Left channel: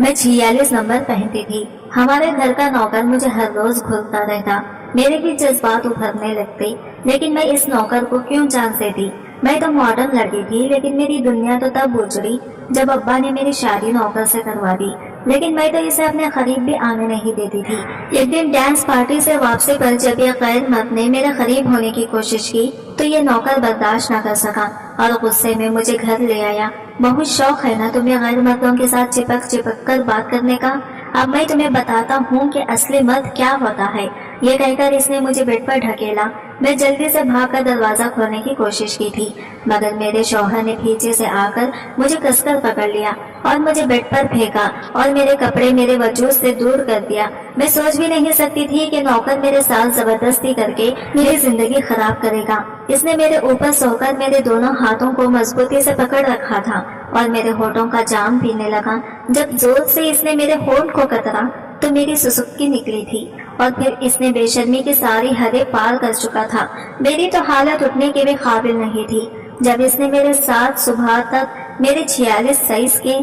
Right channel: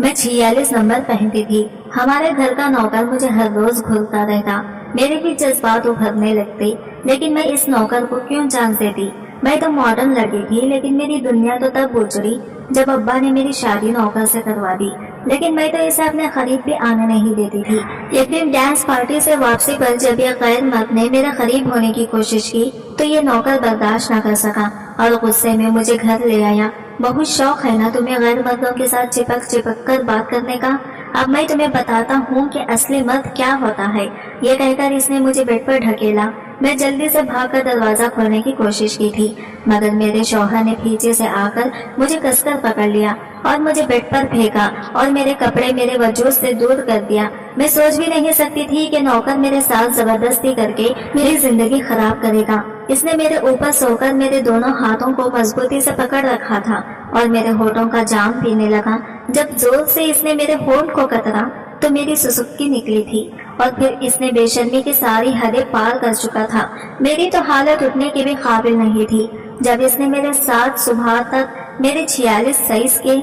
मैं 46 नंबर पहनती थी। हमारे घर का नौकर मुझे हर रोज घूरता रहता। मेरे भी जज्बात उभरने लगते, लेकिन मैं इस नौकर को क्यों जान देती। मैं तो मॉडर्न लड़की थी, लेकिन मेरी दुनिया तो तब उजड़ी जब अब्बा ने मेरी शादी नौकर से करवा दी। लेकिन मैं तो इसे अपने करीब भी आने नहीं देती थी। एक दिन डांस पार्टी से वापसी पर जब यह गैर मर्द ने मेरे करीब होने की कोशिश की तो ये नौकर बर्दाश्त न कर सका और गुस्से में मुझे घर ले आया। बहुत शौक है ना तुम्हें गैर मर्दों के साथ चिपक चिपक कर बात करने का। अब मैं तुम्हें बताता हूँ कि असली मर्द क्या होता है। ये कहकर इसने मुझे बेड पर ढकेला। मैं जल्दी से भागकर दरवाजा खोलने की कोशिश की थी, मगर मेरे शौहर ने पीछे से आकर मुझे कसकर पकड़ लिया और मुझे बेड पर फेंका और मेरे कपड़े मेरे वजूद से दूर कर दिया। मैं सोच भी नहीं सकती थी कि नौकर मेरे साथ जबरदस्ती करके मेरी जिंदगी खराब करेगा। इसने मेरे ऊपर सोकर मेरे दोनों हाथों को मजबूती से पकड़ रखा था और मेरे होठों का जाम पीने लगा। जब जोर से इसने मेरे होठ को कतरा तो मेरी सुसुक्की निकली थी और फिर इसने बेशर्मी की सारी हदें पार कर चुका था। मेरी तो हालत उठने के भी काबिल नहीं थी। जब इसने मेरे साथ सुबह तक मेरे 46 साइज के,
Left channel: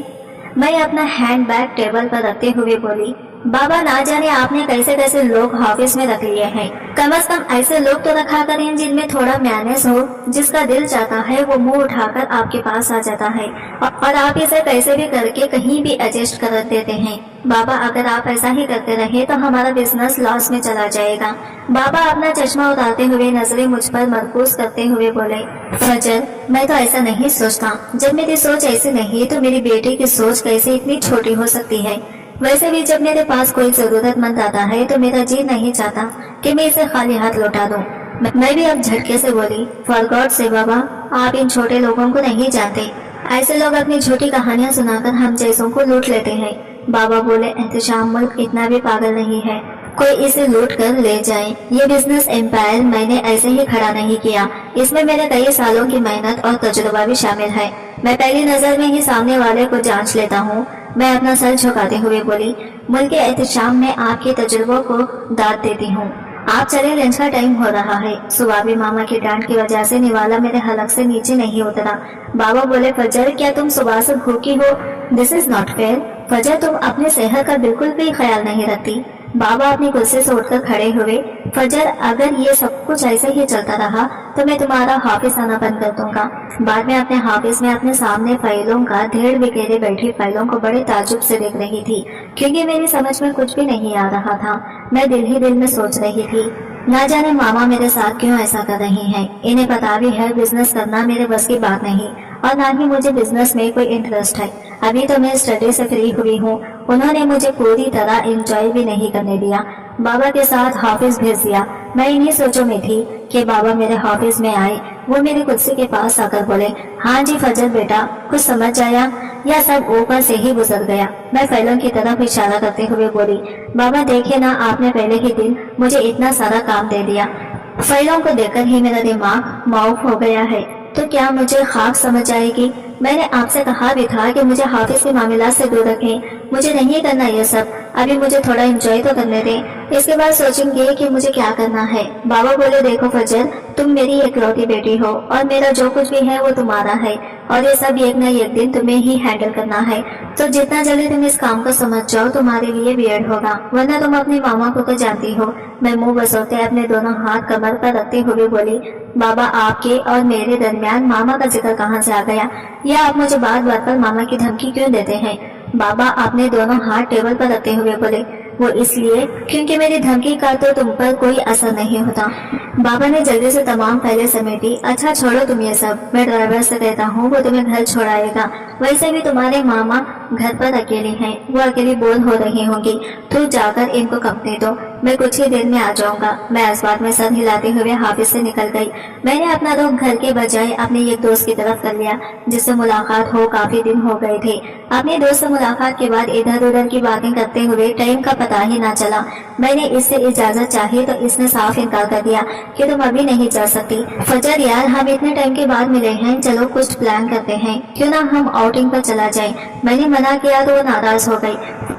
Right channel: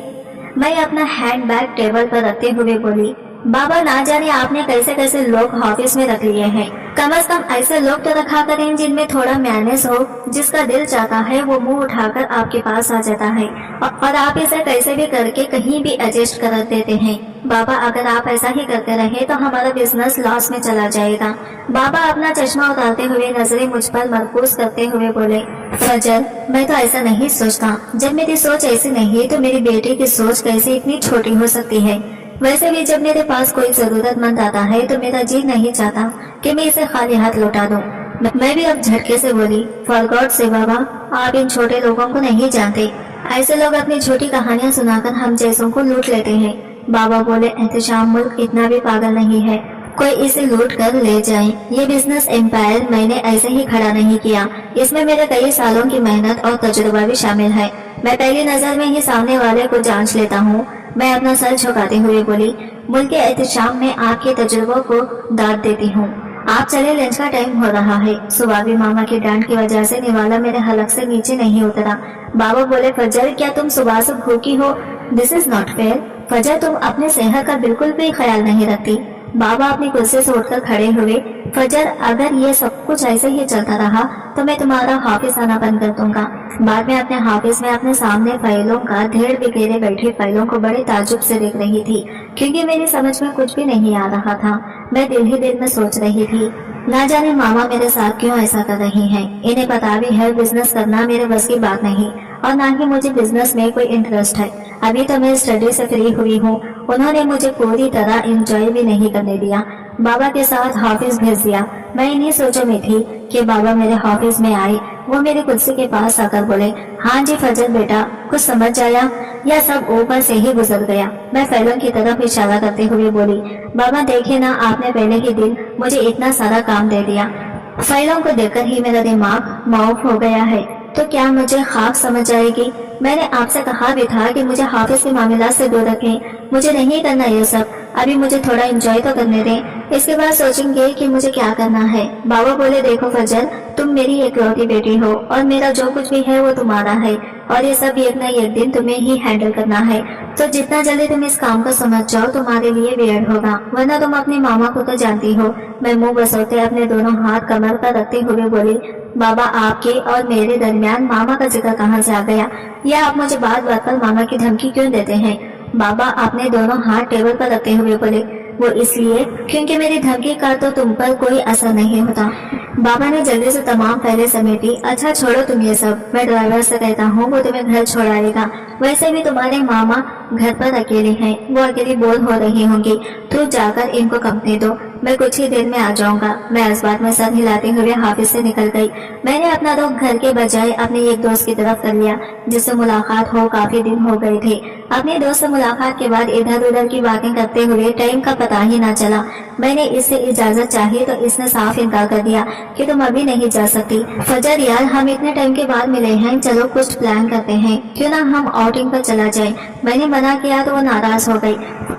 मैं अपना हैंड बैग टेबल पर रखते हुए बोली, बाबा ना जाने आपने कैसे कैसे लोग ऑफिस में रख लिए हैं। कम से कम ऐसे लोग तो रखा करें जिनमें थोड़ा मैनेज हो। जिसका दिल चाहता है वो मुंह उठाकर आपके पास आ जाता है और आप इसे कैसे भी करके कहीं भी एडजस्ट कर देते हैं। बाबा अगर आप ऐसा ही करते रहे तो हमारा बिजनेस लॉस में चला जाएगा। बाबा अपना चश्मा उतारते हुए नजरें मुझ पर मरकूज करते हुए बोले, फजर मैं तो ऐसा नहीं सोचता। जब मेरी सोच ऐसी नहीं तो मेरी बेटी की सोच कैसे इतनी छोटी हो सकती है। वैसे भी जब मेरे पास कोई जरूरतमंद आता है तो मेरा जी नहीं चाहता कि मैं इसे खाली हाथ लौटा दूं। मैं भी अब झटके से बोली, फॉर गॉड से बाबा आप इन छोटे लोगों को नहीं जानते। ऐसे लोग अपनी झूठी कहानियां सुनाकर हम जैसों को लूट लेते हैं। बाबा बोले, एहतशाम मुल्क इतना भी पागल नहीं है कोई इसे लूट कर ले जाए। ये बिजनेस एम्पायर मैंने ऐसे ही खड़ा नहीं किया। इसमें मेरे कई सालों की मेहनत और तजुर्बा भी शामिल है। मैं पहली नजर में ही सामने वाले को जांच लेता हूँ। मैं अपना सर झुकाते हुए बोली, मुल्क के एहतशाम में आपके तजुर्बों को दाद देती हूँ। आप चले, लंच का टाइम हो रहा है। सुबह भी मामा की डांट की वजह से निवाला मेरे हलक से नीचे नहीं उतरा। बाबा बोले, फजर क्या तुम सुबह से भूखी हो? This is not fair. फजर तुम अपने सेहत का बिल्कुल भी ख्याल नहीं रखती। बाबा अपनी कुर्सी से उठकर खड़े हुए, फजर अगर ये सब कुछ ऐसे ही चलता रहा तो मैं तुम्हारा ऑफिस आना बंद कर दूंगा। बाद में अपने ऑफिस में अपने सामने फाइलों का ढेर बिखेरे बैठी फाइलों को बड़े ताजुब से देख रही थी, क्योंकि मेरी समझ में कुछ भी नहीं आ रहा था। मैं दिल ही दिल में सोच रही थी, ना जाने मामा मेरे साथ क्यों ऐसा कर रही हैं। इन्हें पता भी है बिजनेस करना मेरे बस की बात नहीं और ना ही मुझे बिजनेस में कोई इंटरेस्ट है। अभी तो मैं स्टडी से फ्री हुई हूँ। उन्होंने मुझे पूरी तरह एंजॉय भी नहीं करने दिया। बाबा के साथ ऑफिस भेज दिया। मैं इन्हीं सोचों में थी कि बाबा मेरे ऑफिस में आए। वो मेरी कुर्सी के पास आकर बोले, हाँ जी फजर बेटा, कुछ समझ आया या सब ऊपर से ही गुजर गया? मैं फाइलों की तरफ इशारा करते हुए बोली, बाबा देखे ना, आपने पहले ही दिन मुझे इतना सारा काम दे दिया। फाइलों को देखकर ही मेरा दिमाग माउफ हो गया है। तो क्या मुझे खाक समझ आएगी? मैंने आपसे कहा भी था कि मुझे ऑफिस के मामला से दूर रखें। मुझे नहीं करना ये सब। अभी मुझे थोड़ा एंजॉय तो करने दें, इसके बाद सोचेंगे कि मुझे क्या करना है। बाबा बोले, देखो फजर, तुम मेरी इकलौती बेटी हो और मेरा जो कुछ भी है वो तुम्हारा है और ये सब एक न एक दिन तुम्हें ही हैंडल करना है। तो जितना जल्दी तुम इस काम को समझ जाओ तुम्हारे लिए बेहद होगा, वरना तुम अपने मामा को तो जानती हो। मैं मुंह बसोते अपने दोनों हाथ कमर पर रखते हुए बोली, बाबा आपके और मेरे दरमियान मामा का जिक्र कहाँ से आ गया? या आप मुझे बात बात पर मामा की धमकी क्यों देते हैं? बाबा आपने दोनों हाथ टेबल पर रखते हुए बोले, वो इसलिए क्योंकि मेरी धमकी का तो तुम पर कोई असर नहीं होता। बाबा ने जल्दी से तमाम फाइलें समेटी। अच्छा छोड़ो तुम ये सब, मैं ड्राइवर से कहता हूँ वो तुम्हें घर छोड़ाएगा। वैसे भी तुम्हारे मामा घर पर अकेले हैं, वो अकेली बोर हो रही होंगी। तो जाकर इनको कंपनी दो, मैं कुछ ही देर में आ जाऊंगा। मैं इस बात में सर हिलाते हुए ऑफिस से निकल गई। मैंने अपना रुख घर के बजाय अपने एक दोस्त की तरफ कर लिया जिससे मुलाकात हो काफी दिन हो गए थे। अपने दोस्त से मुलाकात के बाद इधर उधर की बातें करते हुए टाइम का पता ही ना चला। मैंने इससे इजाजत चाही तो इसने साफ इनकार कर दिया कि तुम अभी नहीं जा सकती। फजर यार, हम इतने टाइम के बाद मिले हैं, चलो कुछ प्लान करते हैं, क्यों ना हम आउटिंग पर चला जाए। मैंने मना किया तो वो नाराज हो गई।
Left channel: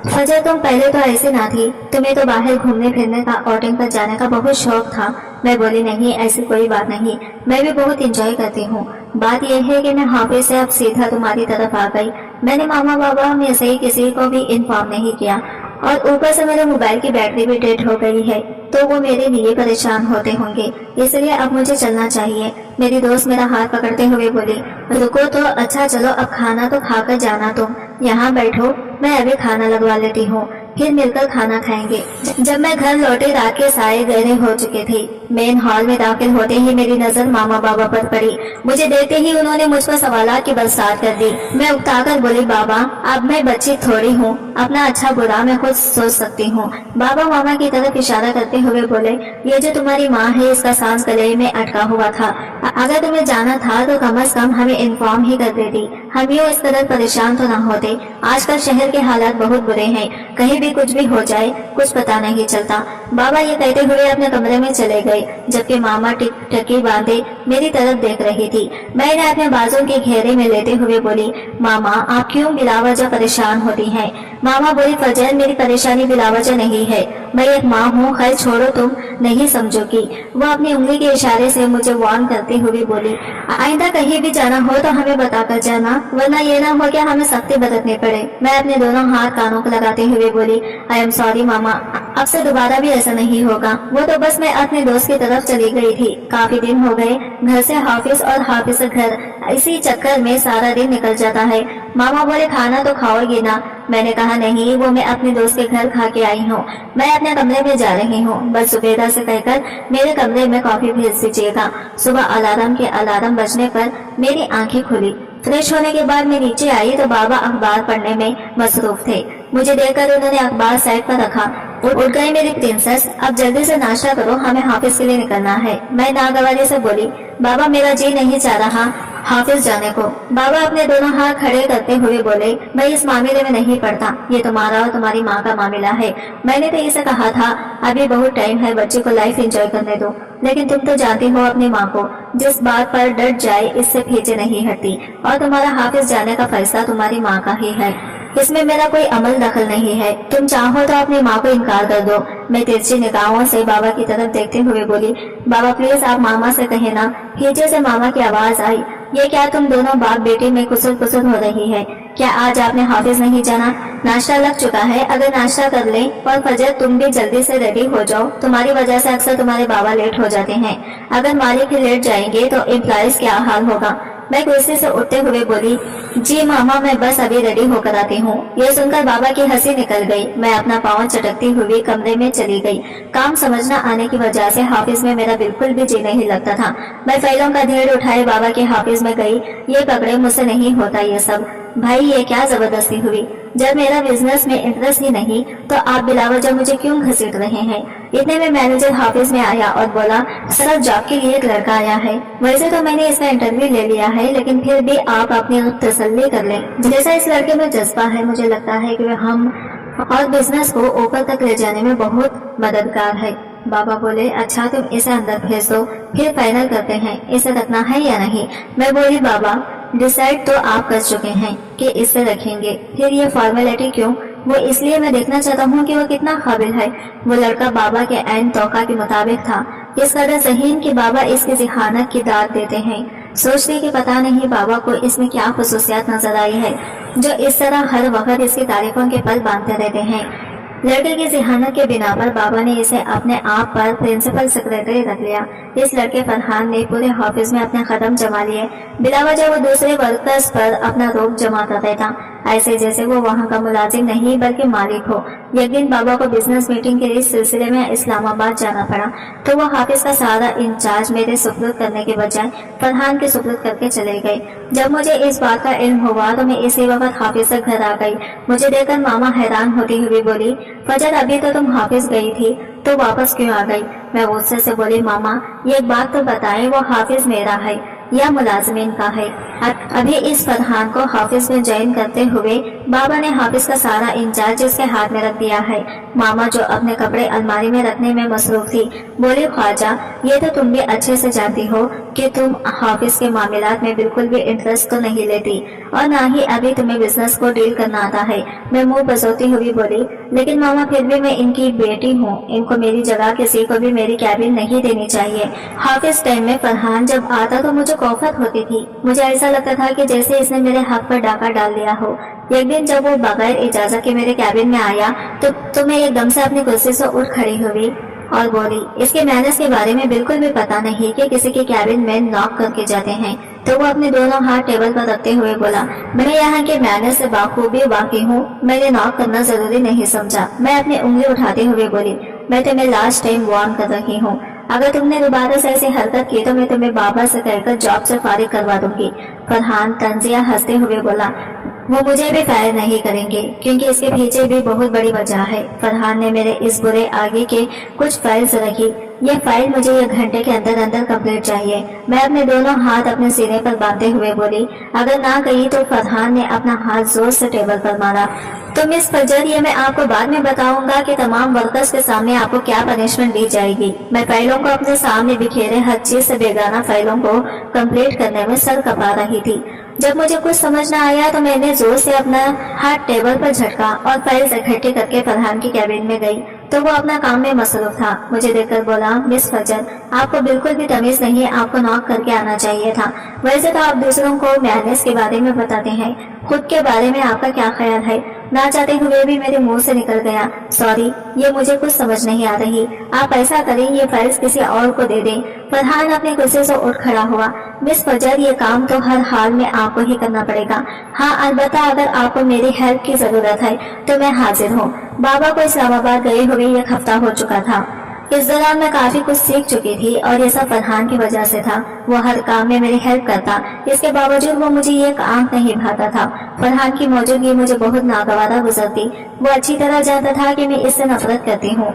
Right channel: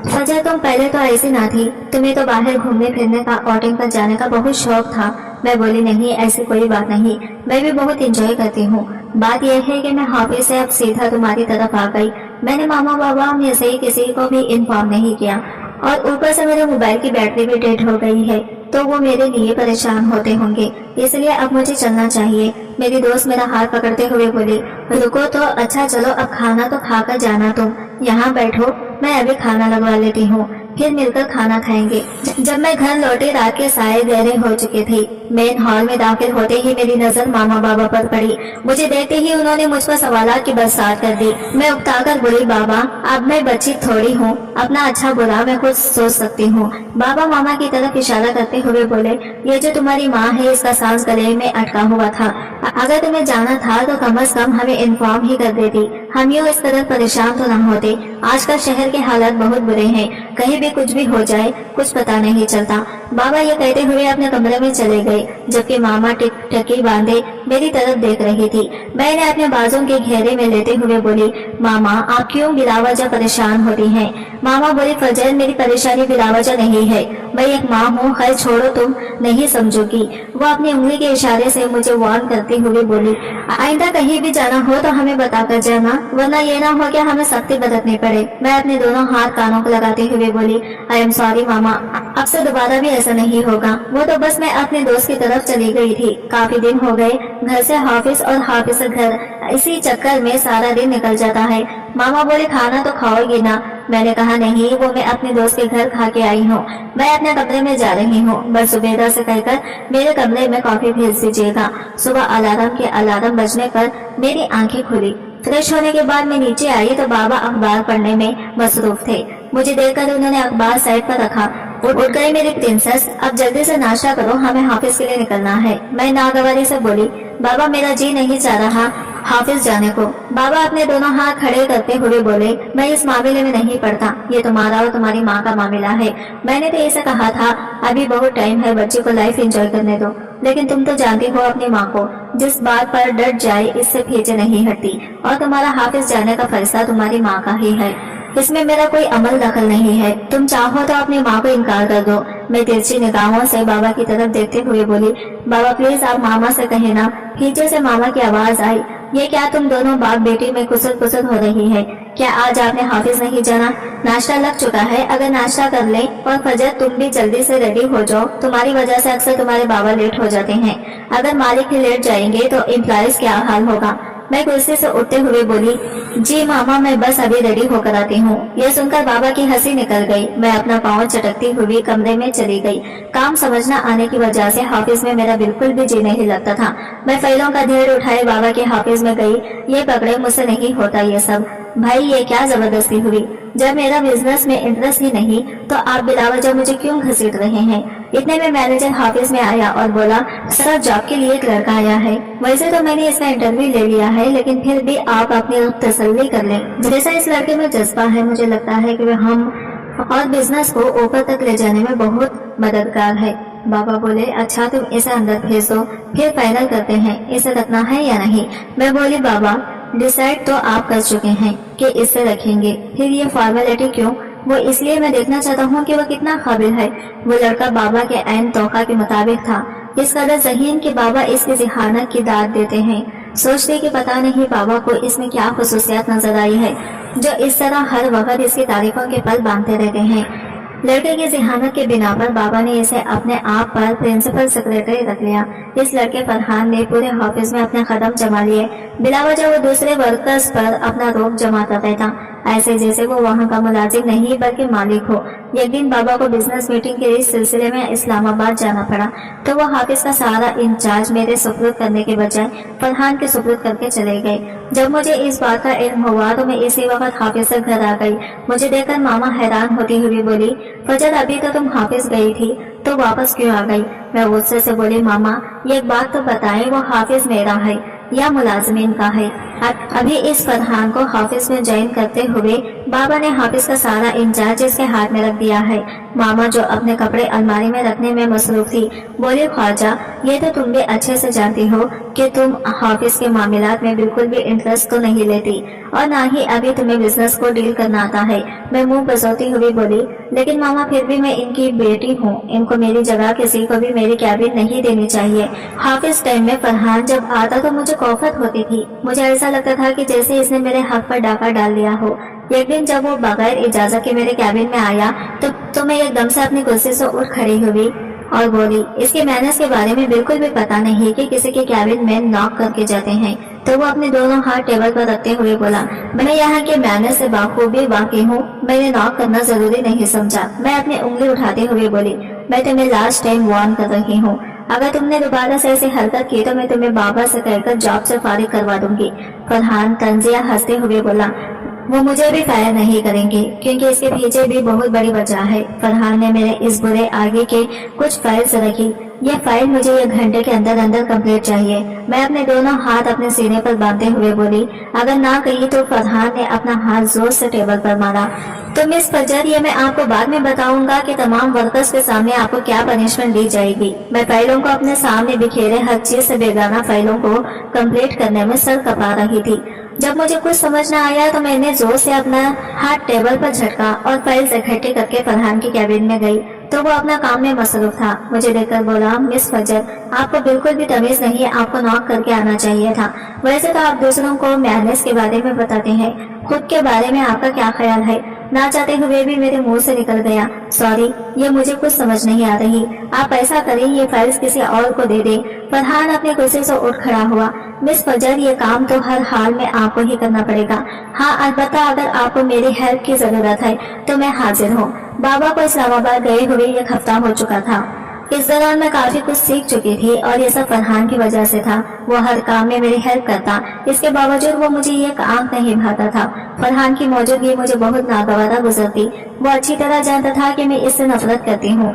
फजर तुम पहले तो ऐसी ना थी, तुम्हें तो बाहर घूमने फिरने का, आउटिंग पर जाने का बहुत शौक था। मैं बोली, नहीं ऐसी कोई बात नहीं, मैं भी बहुत एंजॉय करती हूँ। बात यह है कि मैं ऑफिस से अब सीधा तुम्हारी तरफ आ गई। میں نے ماما بابا میں سے کسی کو بھی انفارم نہیں کیا، اور اوپر سے میرے موبائل کی بیٹری بھی ڈیڈ ہو گئی ہے، تو وہ میرے لیے پریشان ہوتے ہوں گے، اس لیے اب مجھے چلنا چاہیے۔ میری دوست میرا ہاتھ پکڑتے ہوئے بولی، رکو تو اچھا چلو اب کھانا تو کھا کر جانا، تم یہاں بیٹھو، میں ابھی کھانا لگوا لیتی ہوں، پھر مل کر کھانا کھائیں گے۔ جب میں گھر لوٹی رات کے سائے گہرے ہو چکے تھے۔ مین ہال میں داخل ہوتے ہی میری نظر ماما بابا پر پڑی۔ مجھے دیکھتے ہی انہوں نے مجھ پر سوالات کی برسات کر دی۔ میں اکتا کر بولی، بابا اب میں بچی تھوڑی ہوں، اپنا اچھا برا میں خود سوچ سکتی ہوں۔ بابا ماما کی طرف اشارہ کرتے ہوئے بولے، یہ جو تمہاری ماں ہے اس کا سانس گلے میں اٹکا ہوا تھا، اگر تمہیں جانا تھا تو کم از کم ہمیں انفارم ہی کر دیتی، ہم یوں اس قدر پریشان تو نہ ہوتے۔ آج کل شہر کے حالات بہت برے ہیں، کہیں بھی کچھ بھی ہو جائے کچھ پتا نہیں چلتا۔ بابا یہ کہتے ہوئے اپنے کمرے میں چلے گئے، جبکہ ماما ٹک ٹکی باندھے میری طرف دیکھ رہی تھی۔ میں نے اپنے بازوں کے گھیرے میں لیتے ہوئے بولی، ماما آپ کیوں بلا وجہ پریشان ہوتی ہیں؟ ماما بولی، فجر میری پریشانی بلا وجہ نہیں ہے، میں ایک ماں ہوں، خیر چھوڑو تم نہیں سمجھو گی۔ وہ اپنی انگلی کے اشارے سے مجھے وارن کرتے ہوئے بولی، آئندہ کہیں بھی جانا ہو تو ہمیں بتا کر جانا، ورنہ یہ نہ ہو کہ ہمیں سختی برتنی پڑے۔ میں اپنے دونوں ہاتھ کانوں کو لگاتے ہوئے بولی، آئی ایم سوری ماما، اب سے دوبارہ بھی ایسا نہیں ہوگا۔ وہ تو بس میں اپنے دوست کی طرف چلی گئی تھی، کافی دن ہو گئے گھر سے حافظ اور حافظ سے گھر، اسی چکر میں سارا دن نکل جاتا ہے۔ ماما بولے، کھانا تو کھاؤ گی نا؟ میں نے کہا نہیں، وہ میں اپنے دوست کے گھر کھا کے آئی ہوں، میں اپنے کمرے میں جا رہی ہوں، بس زبیدہ سے کہہ کر میرے کمرے میں کافی بھیج دیجیے گا۔ صبح الارم بجنے پر میری آنکھیں کھلی۔ فریش ہونے کے بعد میں نیچے آئی تو بابا اخبار پڑھنے میں مصروف تھے۔ مجھے دیکھ کر انہوں نے اخبار سائڈ پر رکھا۔ اٹھ گئی میری پرنسس، اب جلدی سے ناشتہ کرو، ہمیں حافظ کے لیے نکلنا ہے۔ میں ناگواری سے بولی، بابا میرا جی نہیں چاہ رہا حافظ جانے کو۔ بابا اپنے دونوں ہاتھ کھڑے کرتے ہوئے بولے، میں اس معاملے میں نہیں پڑتا، یہ تمہارا اور تمہاری ماں کا معاملہ ہے۔ میں نے تو اسے کہا تھا ابھی بہت ٹائم ہے، بچے کو لائف انجوائے کرنے دو، لیکن تم تو جانتی ہو اپنی ماں کو، جس بات پر ڈٹ جائے اس سے پیچھے نہیں ہٹتی، اور تمہارا حافظ جانے کا فیصلہ تمہاری ماں کا ہی ہے، اس میں میرا کوئی عمل دخل نہیں ہے، تم چاہو تو اپنی ماں کو انکار کر دو۔ میں ترچھی نگاہوں سے بابا کی طرف دیکھتے ہوئے بولی، بابا پلیز آپ ماما سے کہیں نا۔ پیچھے سے ماما کی آواز آئی، یہ کیا تم دونوں باپ بیٹی میں کسر کسر ہو رہی ہے؟ کیا آج آپ نے حافظ نہیں جانا؟ ناشتہ لگ چکا ہے، اگر ناشتہ کر لیں اور فجر تم بھی جلدی سے ریڈی ہو جاؤ، تمہاری وجہ سے اکثر تمہارے بابا لیٹ ہو جاتے ہیں، اگر مالک ہی لیٹ جائیں گے تو امپلائیز کیا حال ہوگا؟ میں کرسی سے اٹھتے ہوئے بولی، جی ماما میں بس ابھی ریڈی ہو کر آتی ہوں۔ یہ سن کر بابا کی ہنسی نکل گئی۔ میں اپنا پاؤں چٹکتی ہوئی کمرے میں چلی گئی۔ کام سمجھ نہ آنے کی وجہ سے حافظ میں میرا بالکل بھی جی نہیں لگتا تھا۔ میں فائلوں کا ڈھیر اٹھائے بابا کے حافظ میں گئی۔ یہ پکڑے، مجھ سے نہیں ہوتا یہ سب۔ بھائی یہ کیا زبردستی ہوئی؟ جب میرا بزنس میں انٹرسٹ ہی نہیں تو آپ بلا وجہ مجھے کیوں گھسیٹ رہے ہیں؟ اتنے میں مینیجر حافظ میں آیا اور بولا، سر جاب کے لیے ایک لڑکا آیا ہے، ویسے تو میں نے اس کا انٹرویو لے لیا ہے، لیکن پھر بھی آپ اپنی تسلی کر لیں، جیسا اس لڑکے میں جذبہ ہے مجھے لگتا ہے کہ وہ ہم اور بزنس کو اوپر تک لے جانے میں بہت مددگار ہے۔ بابا بولے، اچھا تم اسے اندر بھیج دو، پھر فائنل کرتے ہیں اسے رکھنا ہے یا نہیں۔ میں بولی، بابا ڈیسائیڈ تو آپ کر چکے ہیں کہ اسے رکھیں گے، پھر یہ فارمیلٹی کیوں؟ وہ اس لیے میں دیکھنا چاہتا ہوں کہ وہ کتنا قابل ہے۔ وہ لڑکا بابا کے عین توقع کے مطابق تھا، اس قدر ذہین کہ بابا اس کی ذہانت کی داد دیتے ہیں۔ سوچتے کہ پتہ نہیں بابا کو اس میں کیا خصوصیات نظر آئی ہے جو اس طرح ہر وقت اس کی تعریفوں کے پل باندھتے رہتے ہیں۔ لڑکے کی ذہانت کے بنا پر بابا نے اسے اپنے آپ پر پرنسپل سیکریٹری رکھ لیا۔ اس لڑکے فرحان نے پورے آفس میں اپنے قدم جما لیے، بلا وجہ وہ دوسرے ورکرز پر اپنا روب جماتا رہتا، ایسے جیسے وہ وہاں کا ملازم نہیں بلکہ مالک ہو۔ ایک دن بابا کو بزنس میٹنگ کے اس سلسلے میں اسلام آباد جانا پڑا تو وہ حافظ کا سارا انچارج میرے سپرد کرنے کے بجائے فرحان کے سپرد کر کے چلے گئے۔ جب مجھے اس بات کا علم ہوا تو میں اسی وقت حافظ سے گھر آ گئی۔ مجھے دیکھ کر ماما حیران ہوتی ہوئی بولی، فجر ابھی تو تم حافظ گئی تھی تو واپس کیوں آ گئی؟ میں غصے سے بولی، ماما یہ بات تو بتائیں، وہ حافظ میرا ہے یا ملازمین کا ہے؟ ابھی اس فرحان کو حافظ میں جوائن کرتے ہوئے بابا نے حافظ کا سارا انچارج اس کے ہاتھ میں رکھ دیا ہے۔ ماما جو اپنے کپڑے الماری میں رکھنے میں مصروف تھی بولی، خواجہ یہ تو تم بھی اچھے سے جانتی ہو کہ تم حافظ کے معاملات میں بالکل بھی انٹرسٹ تو نہیں لیتی اور نہ ہی ابھی تمہیں بزنس کو ڈیل کرنا آتا ہے۔ میں منہ بسوتی ہوئی بولی، لیکن ماما پھر بھی میں ان کی بیٹی ہوں، ان کو میری جگہ کسی کو بھی میری کیبن نہیں دینی چاہیے۔ حافظ ٹائم میں فرحان جب آتا تو مجھے کوفت ہوتی تھی، مجھے ایسا لگتا تھا کہ جیسے اس نے میرے حق پر ڈاکہ ڈال دیا ہو۔ ایک دن جب وہ بغیر اجازت کے میرے کیبن میں آیا تو میں ایک دم سے اپنی کرسی سے اٹھ کھڑی ہوئی اور بولی، اس کے مینرز کے بارے میں بالکل بھی پتہ نہیں کہ کسی کے کیبن میں ناک کر کے جاتے ہیں۔ تو وہ اپنے دونوں ہاتھ ٹیبل پر رکھتے ہوئے بولا، میں یہاں کے مینرز سے بخوبی واقف ہوں، میں نے ناک کرنا ضروری نہیں سمجھا۔ میں اپنی انگلی اٹھاتے ہوئے بولی، میں تمہیں لاسٹ ٹائم وارن کر رہی ہوں، اگر تم نے دوبارہ سے ایسی حرکت کی تو میں تمہیں بابا سے کہہ کر جاب سے فارغ کروا دوں گی۔ فرحان طنزیہ ہنستے ہوئے بولا، وہ مجھے بھی فائر نہیں کریں گے کیونکہ اس کے پیچھے بھی بہت بڑی وجہ ہے۔ فرحان نے میرے اس برے آگے کے کچھ فائلز رکھی، یہ فائل مجھے 1 گھنٹے کے اندر اندر کمپلیٹ چاہیے۔ میں اپنے دونوں ہاتھ اپنے سینے پر باندھتے ہوئے بولی، اگر نہ گئی تو فرحان نے اپنا ہاتھ زور سے ٹیبل پر مارا۔ تو مس فجر، یہ میں آپ کو بعد میں بتاؤں گا کہ تمام ورکرز کے سامنے آپ کو کیا پنشمنٹ دی جائے گی۔ میں فائلوں کو اپنے سامنے بکھیرے ہر چیز سے بیگانہ فائلوں کو کمپلیٹ کرنے میں سر کپا رہی تھی۔ جب مجھے کچھ سمجھ نہ آیا تو میں نے زور سے اپنا ہاتھ ٹیبل پر جھٹکا اور فائلز اکٹھے کر کے فرحان کی کیبن میں گئی تو وہ اپنا کام میں مصروف تھا۔ مجھے دیکھ کر بولا، مس فجر، آپ کو بالکل بھی تمیز نہیں، آپ کو ناک کر کے آنا چاہیے تھا۔ ویسے تو آپ دوسروں کو مینرز کے بارے میں بتاتے ہیں، خود کے بارے میں آپ کا کیا خیال ہے؟ نہ چاہتے ہوئے بھی میرے منہ سے نکل گیا، سوری، یہ مجھے کچھ سمجھ نہیں آ رہی۔ آپ ایسا کریں، یہ فائلز کسی اور کو دے دیں۔ فرحان اپنے کرسی سے اٹھ کھڑا ہوا، مس فجر، یہ کام تو ہر حال میں آپ کو ہی کرنا پڑے گا۔ ہاں، البتہ اگر آپ کو میری ہیلپ کی ضرورت ہے تو میں حاضر ہوں۔ بابا کو اسلام آباد گئے ہوئے 1 ہفتہ ہو چکا تھا۔ اس دوران میں کافی کچھ سیکھ چکی تھی اور یہ سب فرحان کی وجہ سے تھا۔ وہ ہر کام میں میری ہیلپ کرتا، اس کے باوجود وہ مجھے ایک آنکھ نہیں بھاتا تھا۔ فرحان کی موجودگی مجھے بہت ناگوارا گزرتی۔ وہ اچھی طرح جانتا تھا کہ میں اس سے نفرت کرتی ہوں،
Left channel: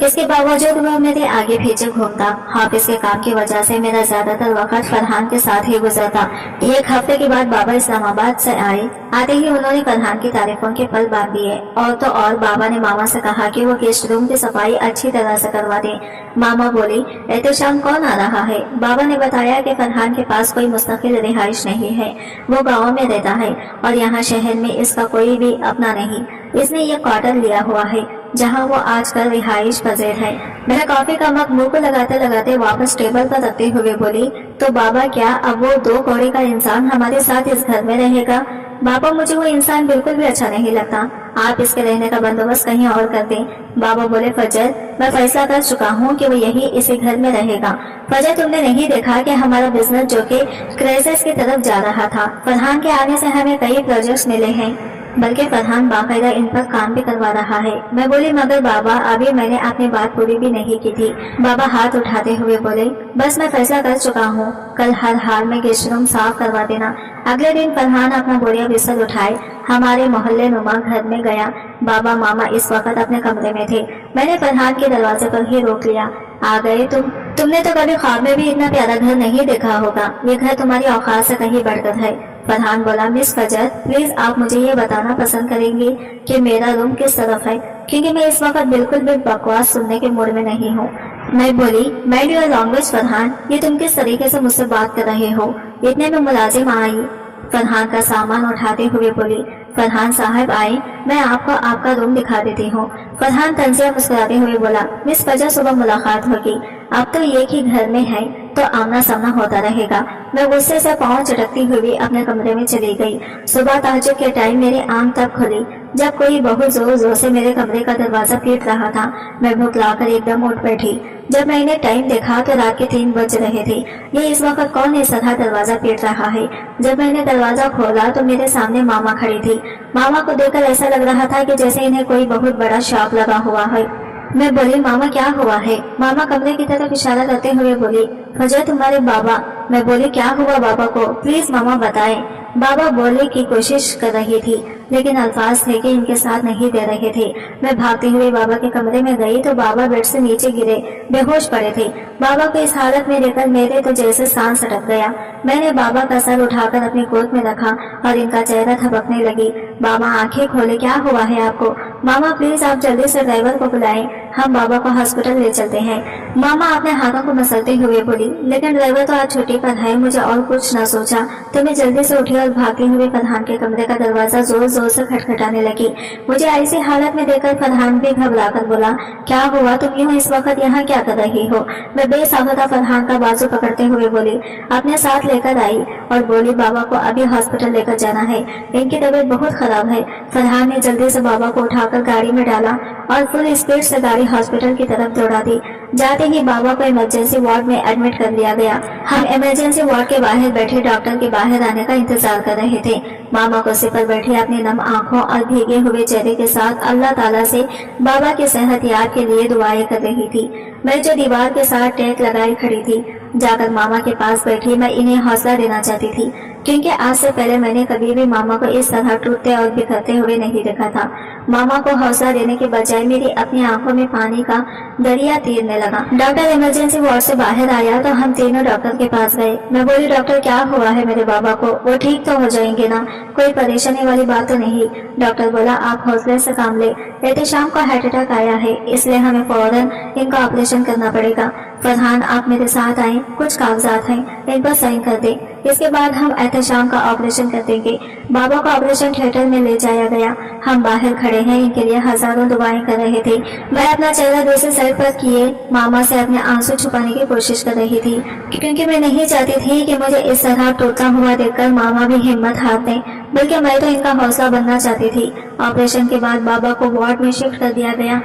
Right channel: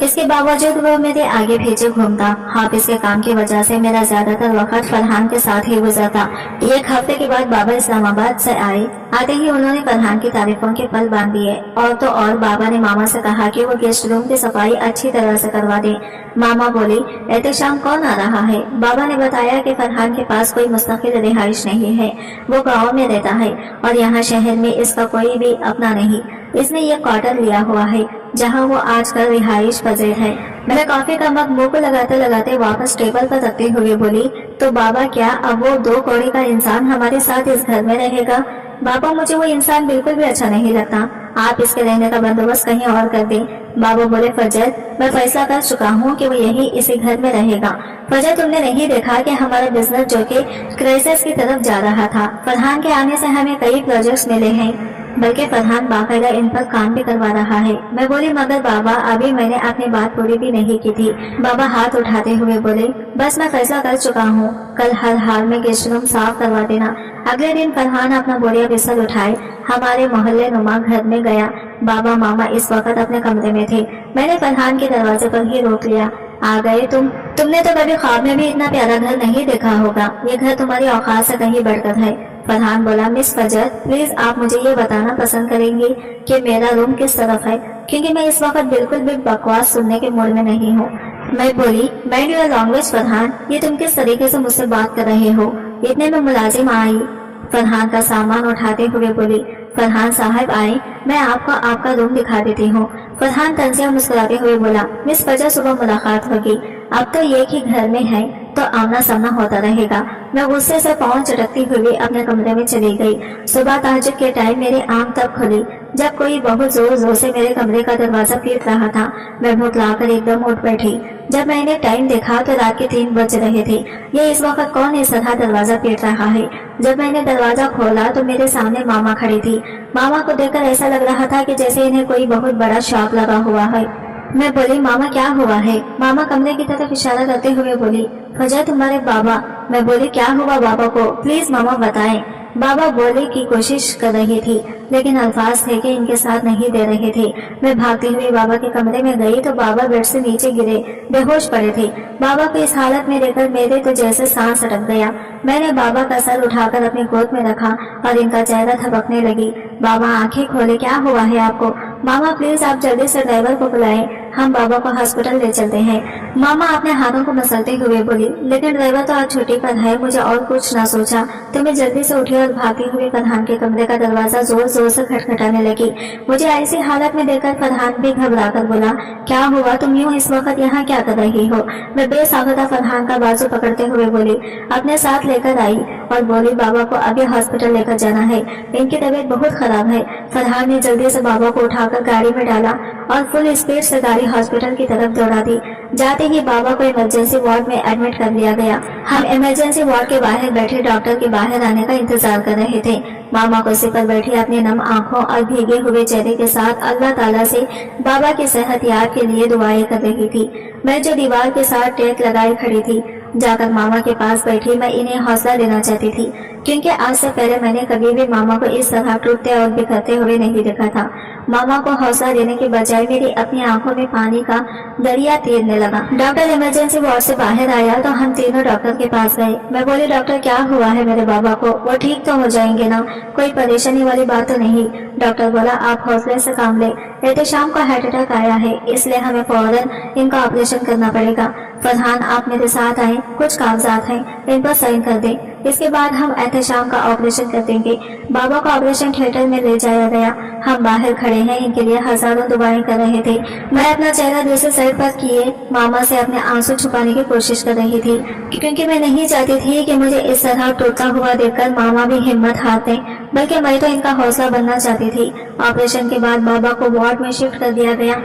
اس کے باوجود وہ میرے آگے پیچھے گھومتا۔ حافظ کے کام کی وجہ سے میرا زیادہ تر وقت فرحان کے ساتھ ہی گزرتا۔ 1 ہفتے کے بعد بابا اسلام آباد سے آئے۔ آتے ہی انہوں نے فرحان کی تعریفوں کے پل باندھ دیے، اور تو اور بابا نے ماما سے کہا کہ وہ گیسٹ روم کی صفائی اچھی طرح سے کروا دیں۔ ماما بولی، احتشام کون آ رہا ہے؟ بابا نے بتایا کہ فرحان کے پاس کوئی مستقل رہائش نہیں ہے، وہ گاؤں میں رہتا ہے اور یہاں شہر میں اس کا کوئی بھی اپنا نہیں۔ اس نے یہ کوارٹر لیا ہوا ہے جہاں وہ آج کل رہائش پذیر ہے۔ میں کافی کا مگ منہ کو لگاتے لگاتے واپس ٹیبل پر رکھتے ہوئے بولی، تو بابا کیا اب وہ 2 کوڑے کا انسان ہمارے ساتھ اس گھر میں رہے گا؟ بابا، مجھے وہ انسان بالکل بھی اچھا نہیں لگتا، آپ اس کے رہنے کا بندوبست کہیں اور کر دیں۔ بابا بولے، فجر، میں فیصلہ کر چکا ہوں کہ وہ یہی اسی گھر میں رہے گا۔ فجر، تم نے نہیں دیکھا کہ ہمارا بزنس جو کہ کرائسس کی طرف جا رہا تھا، فرحان کے آنے سے ہمیں کئی پروجیکٹس ملے ہیں، بلکہ فرحان باقاعدہ ان پر کام بھی کروا رہا ہے۔ میں بولی، مگر بابا، ابھی میں نے اپنی بات پوری بھی نہیں کی تھی۔ بابا ہاتھ اٹھاتے ہوئے بولے، بس میں فیصلہ کر چکا ہوں، کل ہر حال میں گیسٹ روم صاف کروا دینا۔ اگلے دن فرحان اپنا بوریا بستر اٹھائے ہمارے محلے نما گھر میں گیا۔ بابا ماما اس وقت اپنے کمرے میں تھے۔ میں نے فرحان کے دروازے پر ہی روک لیا۔ آ گئے تم نے تو کبھی خواب میں بھی اتنا پیارا گھر نہیں دیکھا ہوگا، یہ گھر تمہاری اوقات سے کہیں بڑھ کر ہے۔ فرحان بولا، مس فجر، پلیز آپ مجھے یہ بتانا پسند کریں گی کہ میرا روم کس طرف ہے، کیونکہ میں اس وقت بالکل بھی بکواس سننے کے موڈ میں نہیں ہوں۔ میں بولی، مائنڈ یور لینگویج فرحان، یہ تم کس طریقے سے مجھ سے بات کر رہے ہو؟ اتنے میں ملازم آئی، فرحان کا سامان اٹھاتے ہوئے بولی، فرحان صاحب آئے، میں آپ کو آپ کا روم دکھا دیتی ہوں۔ فرحان طنزیہ مسکراتے ہوئے بولا، مس فجر، صبح ملاقات ہوگی، اب تو ایک ہی گھر میں ہے تو آمنا سامنا ہوتا رہے گا۔ میں غصے سے پاؤں چٹکتی ہوئی اپنے کمرے میں چلی گئی۔ صبح تہجد کے ٹائم میری آنکھ تب کھلی جب کوئی بہت زور زور سے میرے کمرے کا دروازہ پیٹ رہا تھا۔ میں بھٹلا کر ایک دم اٹھ بیٹھی۔ جب میں نے ٹائم دیکھا تو رات کے 3 بج رہے تھے۔ یہ اس وقت کون اس طرح دروازہ پیٹ رہا ہے؟ جب میں نے دروازہ کھولا تو میرے سامنے ماما کھڑی تھی۔ ماما کو دیکھ کر ایسا لگ رہا تھا کہ جیسے انہیں کوئی بہت بڑا شاک لگا ہوا ہے۔ میں بولی، ماما کیا ہوا ہے؟ ماما کمرے کی طرف اشارہ کرتے ہوئے بولی، فجر تمہارے بابا۔ میں بولی، کیا ہوا بابا کو؟ پلیز ماما بتائیں۔ بابا بولے کی کوشش کر رہی تھی لیکن الفاظ تھے کہ ان کے ساتھ نہیں دے رہے تھے۔ میں بھاگتے ہوئے بابا کے کمرے میں گئی تو بابا بیڈ سے نیچے گرے بے ہوش پڑے تھے۔ بابا کو اس حالت میں دیکھ کر میرے تو جیسے سانس اٹک گیا۔ میں نے بابا کا سر اٹھا کر اپنی گود میں رکھا اور ان کا چہرہ تھپکنے لگی۔ بابا آنکھیں کھولے، کیا ہوا ہے آپ کو؟ ماما پلیز آپ جلدی سے ڈرائیور کو بلائیں، ہم بابا کو ہاسپٹل لے چلتے ہیں۔ ماما اپنے ہاتھوں کو مسلتے ہوئے بولی، لیکن ڈرائیور تو آج چھٹی پر ہے۔ مجھے اور کچھ نہ سوچا تو میں جلدی سے اٹھی اور بھاگتے ہوئے فرحان کے کمرے کا دروازہ زور जोर से खटखटाने लगी। मुझे ऐसी हालत में देखकर फरहान भी घबरा कर बोला, क्या हुआ, तुम यूं इस वक्त यहाँ क्या कर रही हो? मैं बेसाख्ता फरहान का बाजू पकड़ते हुए बोली, अपने साथ लेकर आई और बोली, बाबा को अभी हॉस्पिटल लेकर जाना है, इनकी तबीयत बहुत खराब है। फरहान ने जल्दी से बाबा को उठाकर गाड़ी में डाला और फुल स्पीड से गाड़ी हॉस्पिटल की तरफ दौड़ा दी। जाते ही बाबा को इमरजेंसी वार्ड में एडमिट कर लिया गया। हम इमरजेंसी वार्ड के बाहर बैठे डॉक्टर के बाहर आने का इंतजार कर रहे थे। मामा कुर्सी पर बैठी अपनी नम आंखों और भीगे हुए चेहरे के साथ अल्लाह ताला से बाबा की सेहत याब के लिए दुआएं कर रही थी। मैं जो दीवार के साथ टेक लगाए खड़ी थी, जाकर मामा के पास बैठी मैं इन्हें हौसला देना चाहती थी, क्योंकि आज से पहले मैंने कभी भी मामा को इस तरह टूटते और बिखरते हुए नहीं देखा था। मामा को हौसला देने के बजाय मेरी अपनी आंखों में पानी का दरिया तीरने लगा। डॉक्टर इमरजेंसी वार्ड से बाहर आया तो हम तीनों डॉक्टर के पास गए। मैं बोली, डॉक्टर क्या हुआ है मेरे बाबा को? वो ठीक तो हो जाएंगे ना, कोई परेशानी वाली बात तो नहीं? डॉक्टर बोला, आप हौसले से काम ले, एहतेशाम को हार्ट अटैक आया है, इसलिए हमें फौरन इनका ऑपरेशन करना पड़ेगा। फरहान आप मेरे साथ आए, कुछ कागजात हैं, इन पर साइन कर दें, इसके बाद हम एहतेशाम का ऑपरेशन कर देंगे। बाबा को ऑपरेशन थिएटर में ले जाया गया। हम बाहर खड़े हैं, इनके लिए हजारों दुआएं कर रहे थे। मैं अपना चेहरा दूसरे साइड पर किए मामा से अपने आंसू छुपाने की कोशिश कर रही थी, क्योंकि मैं नहीं चाहती थी कि मुझे इस तरह टूटता हुआ देखकर मामा भी हिम्मत हार दें, बल्कि मैं तो इनका हौसला बनना चाहती थी। ऑपरेशन के बाद बाबा को वार्ड में शिफ्ट कर दिया गया,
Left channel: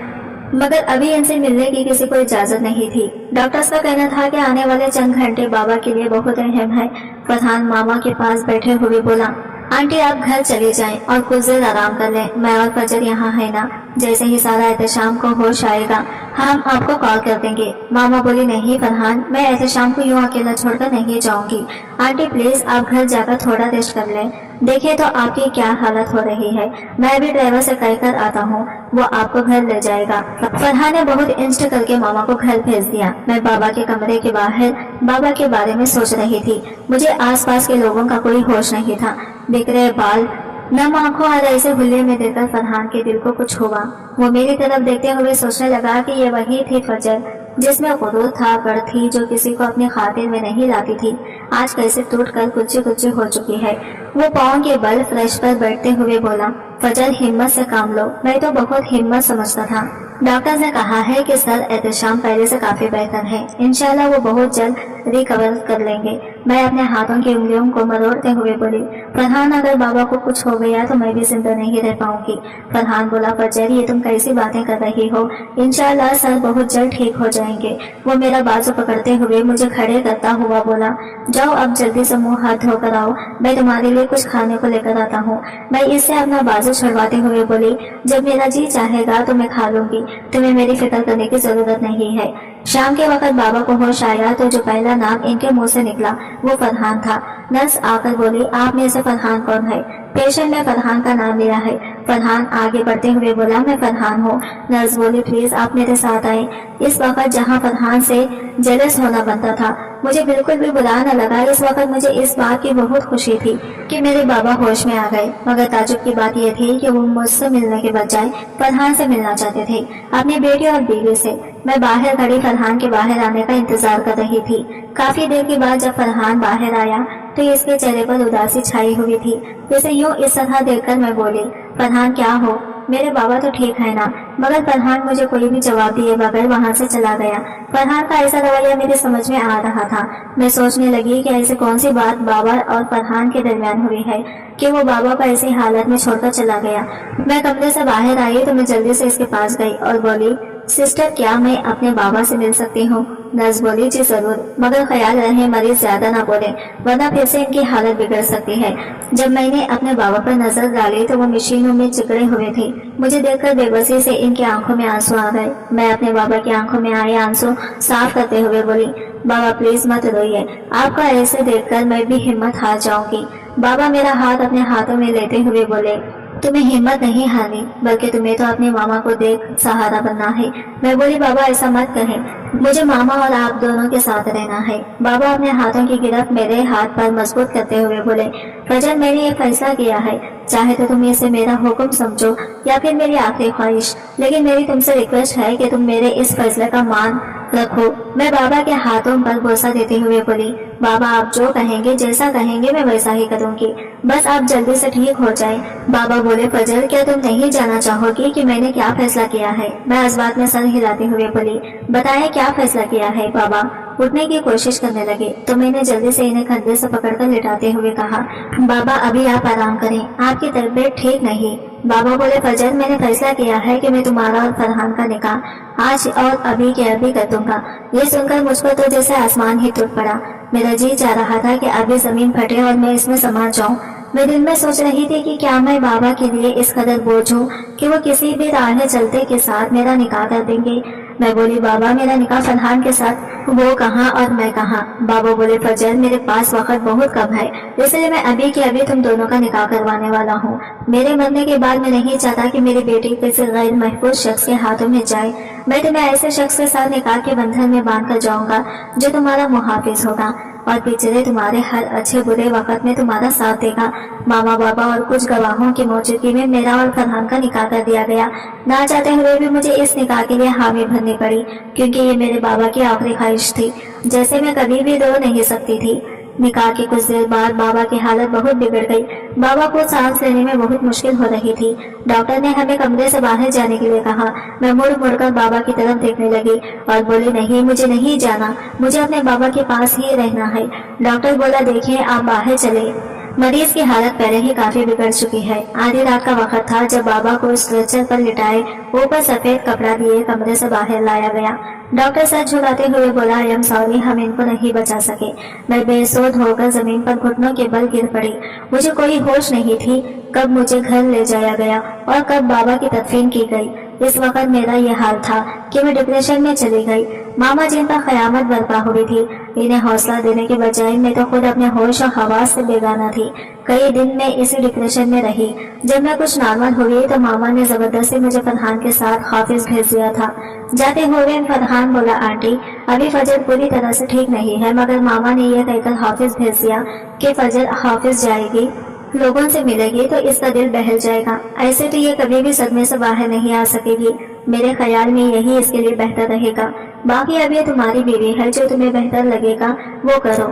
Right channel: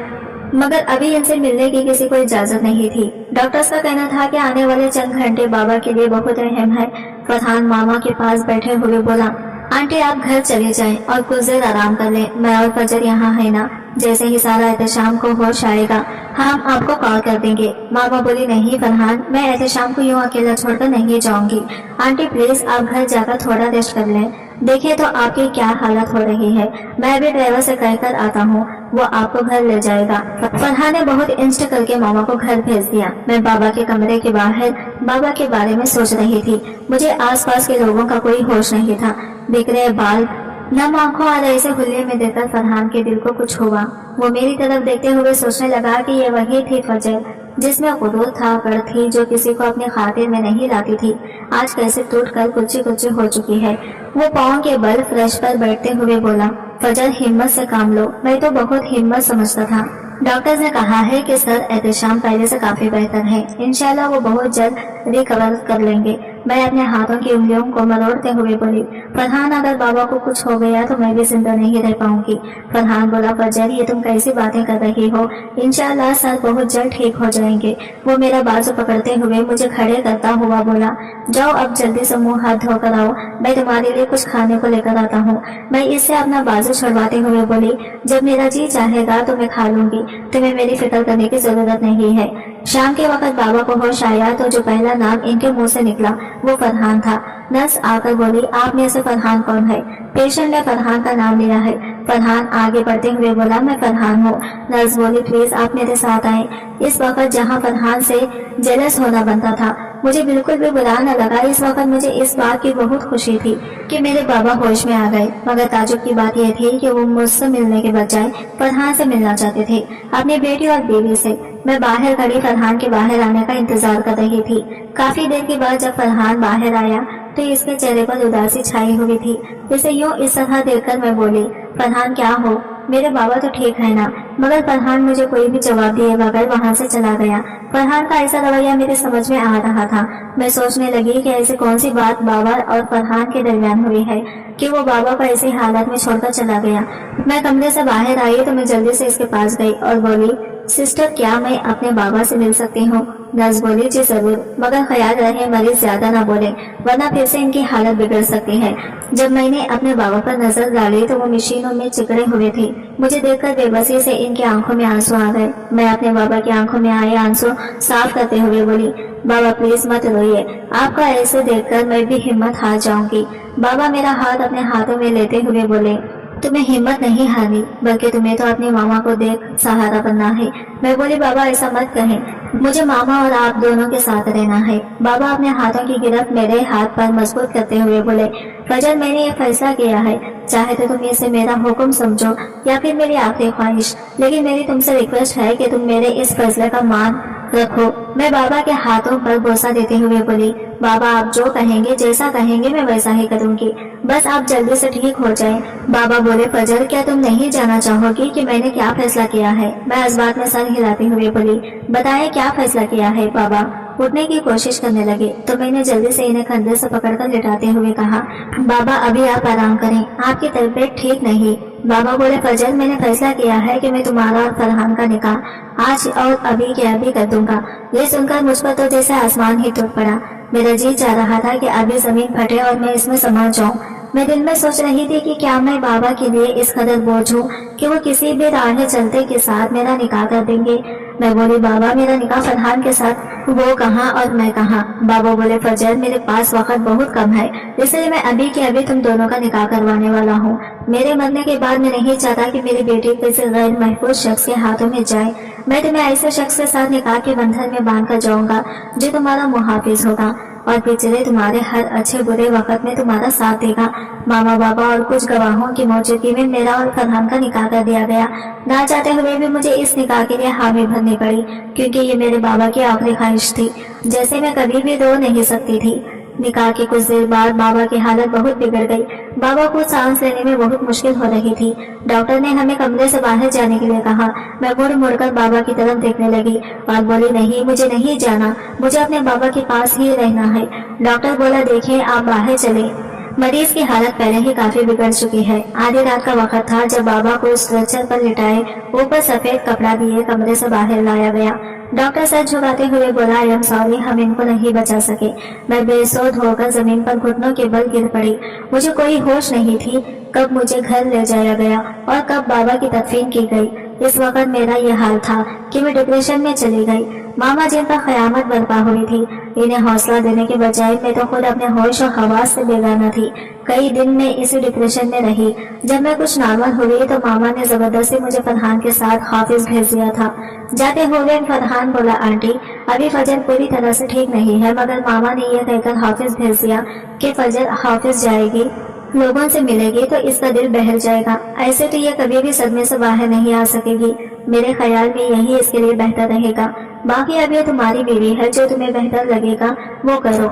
मगर अभी इनसे मिलने की किसी को इजाजत नहीं थी। डॉक्टर्स का कहना था कि आने वाले चंद घंटे बाबा के लिए बहुत अहम है। फरहान मामा के पास बैठे हुए बोला, आंटी आप घर चले जाएं और कुछ देर आराम कर लें, मैं और फजर यहाँ है ना, जैसे ही सारा एहतेशाम को होश आएगा हम आपको कॉल कर देंगे। मामा बोली, नहीं फरहान, मैं एहतेशाम को यूं अकेला छोड़कर नहीं जाऊंगी। आंटी प्लीज आप घर जाकर थोड़ा रेस्ट कर लें, देखें तो आपकी क्या हालत हो रही है, मैं भी ड्राइवर से कहकर आता हूँ, वो आपको घर ले जाएगा। फरहान ने बहुत इंस्ट करके मामा को घर भेज दिया। मैं बाबा के कमरे के बाहर बाबा के बारे में सोच रही थी। मुझे आसपास के लोगों का कोई होश नहीं था। बिखरे बाल, नम आंखों और ऐसे हुल्ले में देखकर फरहान के दिल को कुछ हुआ। वो मेरी तरफ देखते हुए सोचने लगा कि ये वही थी फजर जिसमें गुरूर था, गढ़ थी, जो किसी को अपनी खातिर में नहीं लाती थी, आज कैसे टूट कर कुछ कुछ हो चुकी है। वो पाँव के बल फ्रेश पर बैठते हुए बोला, फजर हिम्मत से काम लो, मैं तो बहुत हिम्मत समझता था। डॉक्टर्स ने कहा है कि सर एहतेशाम पहले से काफी बेहतर है, इंशाल्लाह वो बहुत जल्द रिकवर कर लेंगे। मैं अपने हाथों की उंगलियों को मरोड़ते हुए बोली, फरहान अगर बाबा को कुछ हो गया तो मैं भी जिंदा नहीं रह पाऊंगी। फरहान बोला, फजर ये तुम कैसी बातें कर रही हो, इंशाल्लाह सर बहुत जल्द ठीक हो जाएंगे। वो मेरा बाजू पकड़ते हुए मुझे खड़े करता हुआ बोला, जाओ अब जल्दी से मुंह हाथ धोकर आओ, मैं तुम्हारे लिए कुछ खाने को लेकर आता हूँ। मैं इससे अपना बाजू छुड़वाते हुए बोली, जब मेरा जी चाहेगा तो मैं खा लूंगी, तुम्हें मेरी फिक्र करने की जरूरत नहीं है। शाम के वक्त बाबा को होश आया तो जो पहला नाम इनके मुंह से निकला वो फरहान था। नर्स आकर बोली, आप में से फरहान कौन है? पेशेंट ने फरहान का नाम लिया है। फरहान आगे बढ़ते हुए बोला, मैं फरहान हूँ। नर्स बोली, प्लीज आप मेरे साथ आए। इस वक्त जहाँ फरहान से जेलस होना बनता था, मुझे बिल्कुल भी बुरा न लगा। इस वक्त मुझे इस बात की बहुत खुशी थी कि मेरे बाबा होश में आ गए, मगर ताजुब की बात यह थी कि वो मुझसे मिलने के बजाय फरहान से मिलना चाहते थे, अपनी बेटी और बीवी से। मैं बाहर खड़ी फरहान के बाहर आने का इंतजार कर रही थी। काफी देर के बाद जब फरहान बाहर आया तो इसके चेहरे पर उदासी छाई हुई थी। इसे यूं इस तरह देखकर मैं बोली, फरहान क्या हो, मेरे बाबा तो ठीक है ना? मगर फरहान मुझे कोई भी जवाब दिए बगैर वहां से चला गया। फरहान का ऐसा रवैया मेरे समझ में आ रहा था। मैं सोचने लगी कि ऐसी कौन सी बात बाबा और फरहान के दरमियान हुई है कि वो बाबा को ऐसी हालत में छोड़कर चला गया। मैं कमरे से बाहर आई तो मैं जल्दी से इसके पास गई और बोली, सिस्टर क्या मैं अपने बाबा से मिल सकती हूँ? नर्स बोली, जी जरूर, मगर ख्याल रहे मरीज ज्यादा ना बोले, वरना फिर से इनकी हालत बिगड़ सकती है। जब मैंने अपने बाबा पर नजर डाली तो वो मशीनों में चिकड़े हुए थे। मुझे देखकर बेबसी से इनकी आंखों में आंसू आ गए। मैं अपने बाबा की आंखों में आए आंसू साफ करते हुए बोली, बाबा प्लीज मत रोइए, आपका ऐसे देखकर मैं भी हिम्मत हार जाऊंगी। बाबा मेरा हाथ अपने हाथों में लेते हुए बोले, तुम्हें हिम्मत नहीं हारनी, बल्कि तुम्हें तो अपने मामा को देख सहारा बनना है। मैं बोली, बाबा ऐसा मत कहें, मुझे मामा और आप दोनों के साथ रहना है। बाबा अपने हाथों की गिरफ्त मेरे हाथ पर मजबूत करते हुए बोले, फजर मैंने ये फैसला किया है, चाहे तो तुम इसे मेरा हुक्म समझो या फिर मेरी आखिरी ख्वाहिश, लेकिन मेरी तुमसे रिक्वेस्ट है कि तुम मेरे इस फैसले का मान रखो। میں بابا کے ہاتھوں پر بوسہ دیتے ہوئے بولی، بابا آپ جو کہیں گے، جیسا کہیں گے میں ویسا ہی کروں گی، بس آپ جلدی سے ٹھیک ہو جائیں۔ بابا بولے، فجر کیا تم نہیں جانا چاہو گی کہ میں نے کیا فیصلہ کیا ہے؟ میں اس بات میں سر ہلاتے ہوئے بولی، بتائیں کیا فیصلہ کیا ہے بابا؟ اٹھنے کی کوشش کرنے لگے تو میں نے جلدی سے انہیں کندھے سے پکڑ کر لٹاتے ہوئے کہا، بابا ابھی آپ آرام کریں، آپ کی طبیعت ٹھیک نہیں۔ بابا بولے، فجر میں نے فیصلہ کیا ہے کہ میں تمہارا اور فرحان کا نکاح آج اور ابھی کے ابھی کر دوں گا۔ یہ سن کر مجھ پر تو جیسے آسمان ہی ٹوٹ پڑا۔ میرا جی چاہ رہا تھا کہ ابھی زمین پھٹے اور میں اس میں سما جاؤں۔ میں دل میں سوچ رہی تھی کہ کیا میں بابا کے لیے اس قدر بوجھ ہوں کہ وہ کسی بھی راہ چلتے کے ساتھ میرا نکاح کر دیں گے۔ میں بولی، بابا میرا نکاح فرحان کے ساتھ، وہ کہاں اور میں کہاں؟ بابا بولے، فجر میرے پاس وقت بہت کم ہے، اس لیے میں ابھی کے ابھی تم دونوں کا نکاح کروانے والا ہوں۔ میرے مرنے کے بعد میں نہیں چاہتا کہ میری بیٹی کسی غیر محفوظ شخص کے ہاتھوں میں جائے۔ میں تمہیں ایسے شخص کے ساتھ نکاح کے بندھن میں باندھ کر جاؤں گا جو تمہارا محافظ ہوگا اور پچھلے تمہارے ہر اچھے برے وقت میں تمہارا ساتھ دے گا۔ ماما بابا اور کچھ گواہوں کی موجودگی میں میرا اور فرحان کا نکاح کر دیا گیا۔ نہ چاہتے ہوئے بھی مجھے اس نکاح کے لیے حامی بھرنی پڑی، کیونکہ یہ میرے بابا کی آخری خواہش تھی جیسے میں کبھی بھی رو نہیں سکتی تھی۔ نکاح کے کچھ دیر بعد بابا کی حالت بہت بگڑ گئی۔ بابا کو سانس لینے میں بہت مشکل ہو رہی تھی۔ ڈاکٹر نے ہمیں کمرے سے باہر جانے کے لیے کہا۔ میں مڑ مڑ کر بابا کی طرف دیکھنے لگی اور بولی، نہیں مجھے نہیں جانا، مجھے اپنے بابا کے پاس ہی رہنا ہے۔ ڈاکٹر بولا، دیکھیں آپ باہر چلیں، مریض کی حالت پہلے ہی کافی بگڑ چکی ہے۔ آدھی رات کا وقت تھا جب بابا کو اسٹریچر پر لٹائے اوپر سفید کپڑا دیے کمرے سے باہر لایا گیا۔ ڈاکٹر سر جھکاتے ہوئے بولا، آئی ایم سوری، ہم ان کو نہیں بچا سکے۔ میں بے سود ہو کر زمین پر گھٹنوں کے بل گر پڑی۔ مجھے کوئی ہوش نہیں تھی کب مجھے گھر لے جایا گیا اور کب بابا کی تدفین کی گئی۔ اس وقت میرا یہ حال تھا کہ میں ڈپریشن میں چلی گئی۔ ماما جن پر قیامت برپا ہوئی تھی، انہیں حوصلہ دینے کے بجائے میں تو خود اپنے ہوش و حواس سے بیگانہ تھی۔ کئی دن میں اسی ڈپریشن میں رہی۔ جب میں کچھ نارمل ہوئی تو ماما نے زبردستی مجھے فرحان کے ساتھ حافظ بھیج دیا تھا۔ جاتے ہوئے فرحان بولا، آنٹی ابھی فجر پوری طرح سے ٹھیک نہیں ہے، مگر ماما نے یہ کہہ کر حافظ بھیج دیا کہ فجر حافظ جائے گی، لوگوں سے ملے گی تو اس کا دل بہل جائے گا، ایسے تو یہ کبھی بھی صدمے سے باہر نہیں آ سکے گی۔ میرے خیال میں یہی اس کے لیے بہتر رہے گا، باقی اب یہ تمہاری بیوی ہے، جو تمہیں بہتر لگے گا وہ کرو۔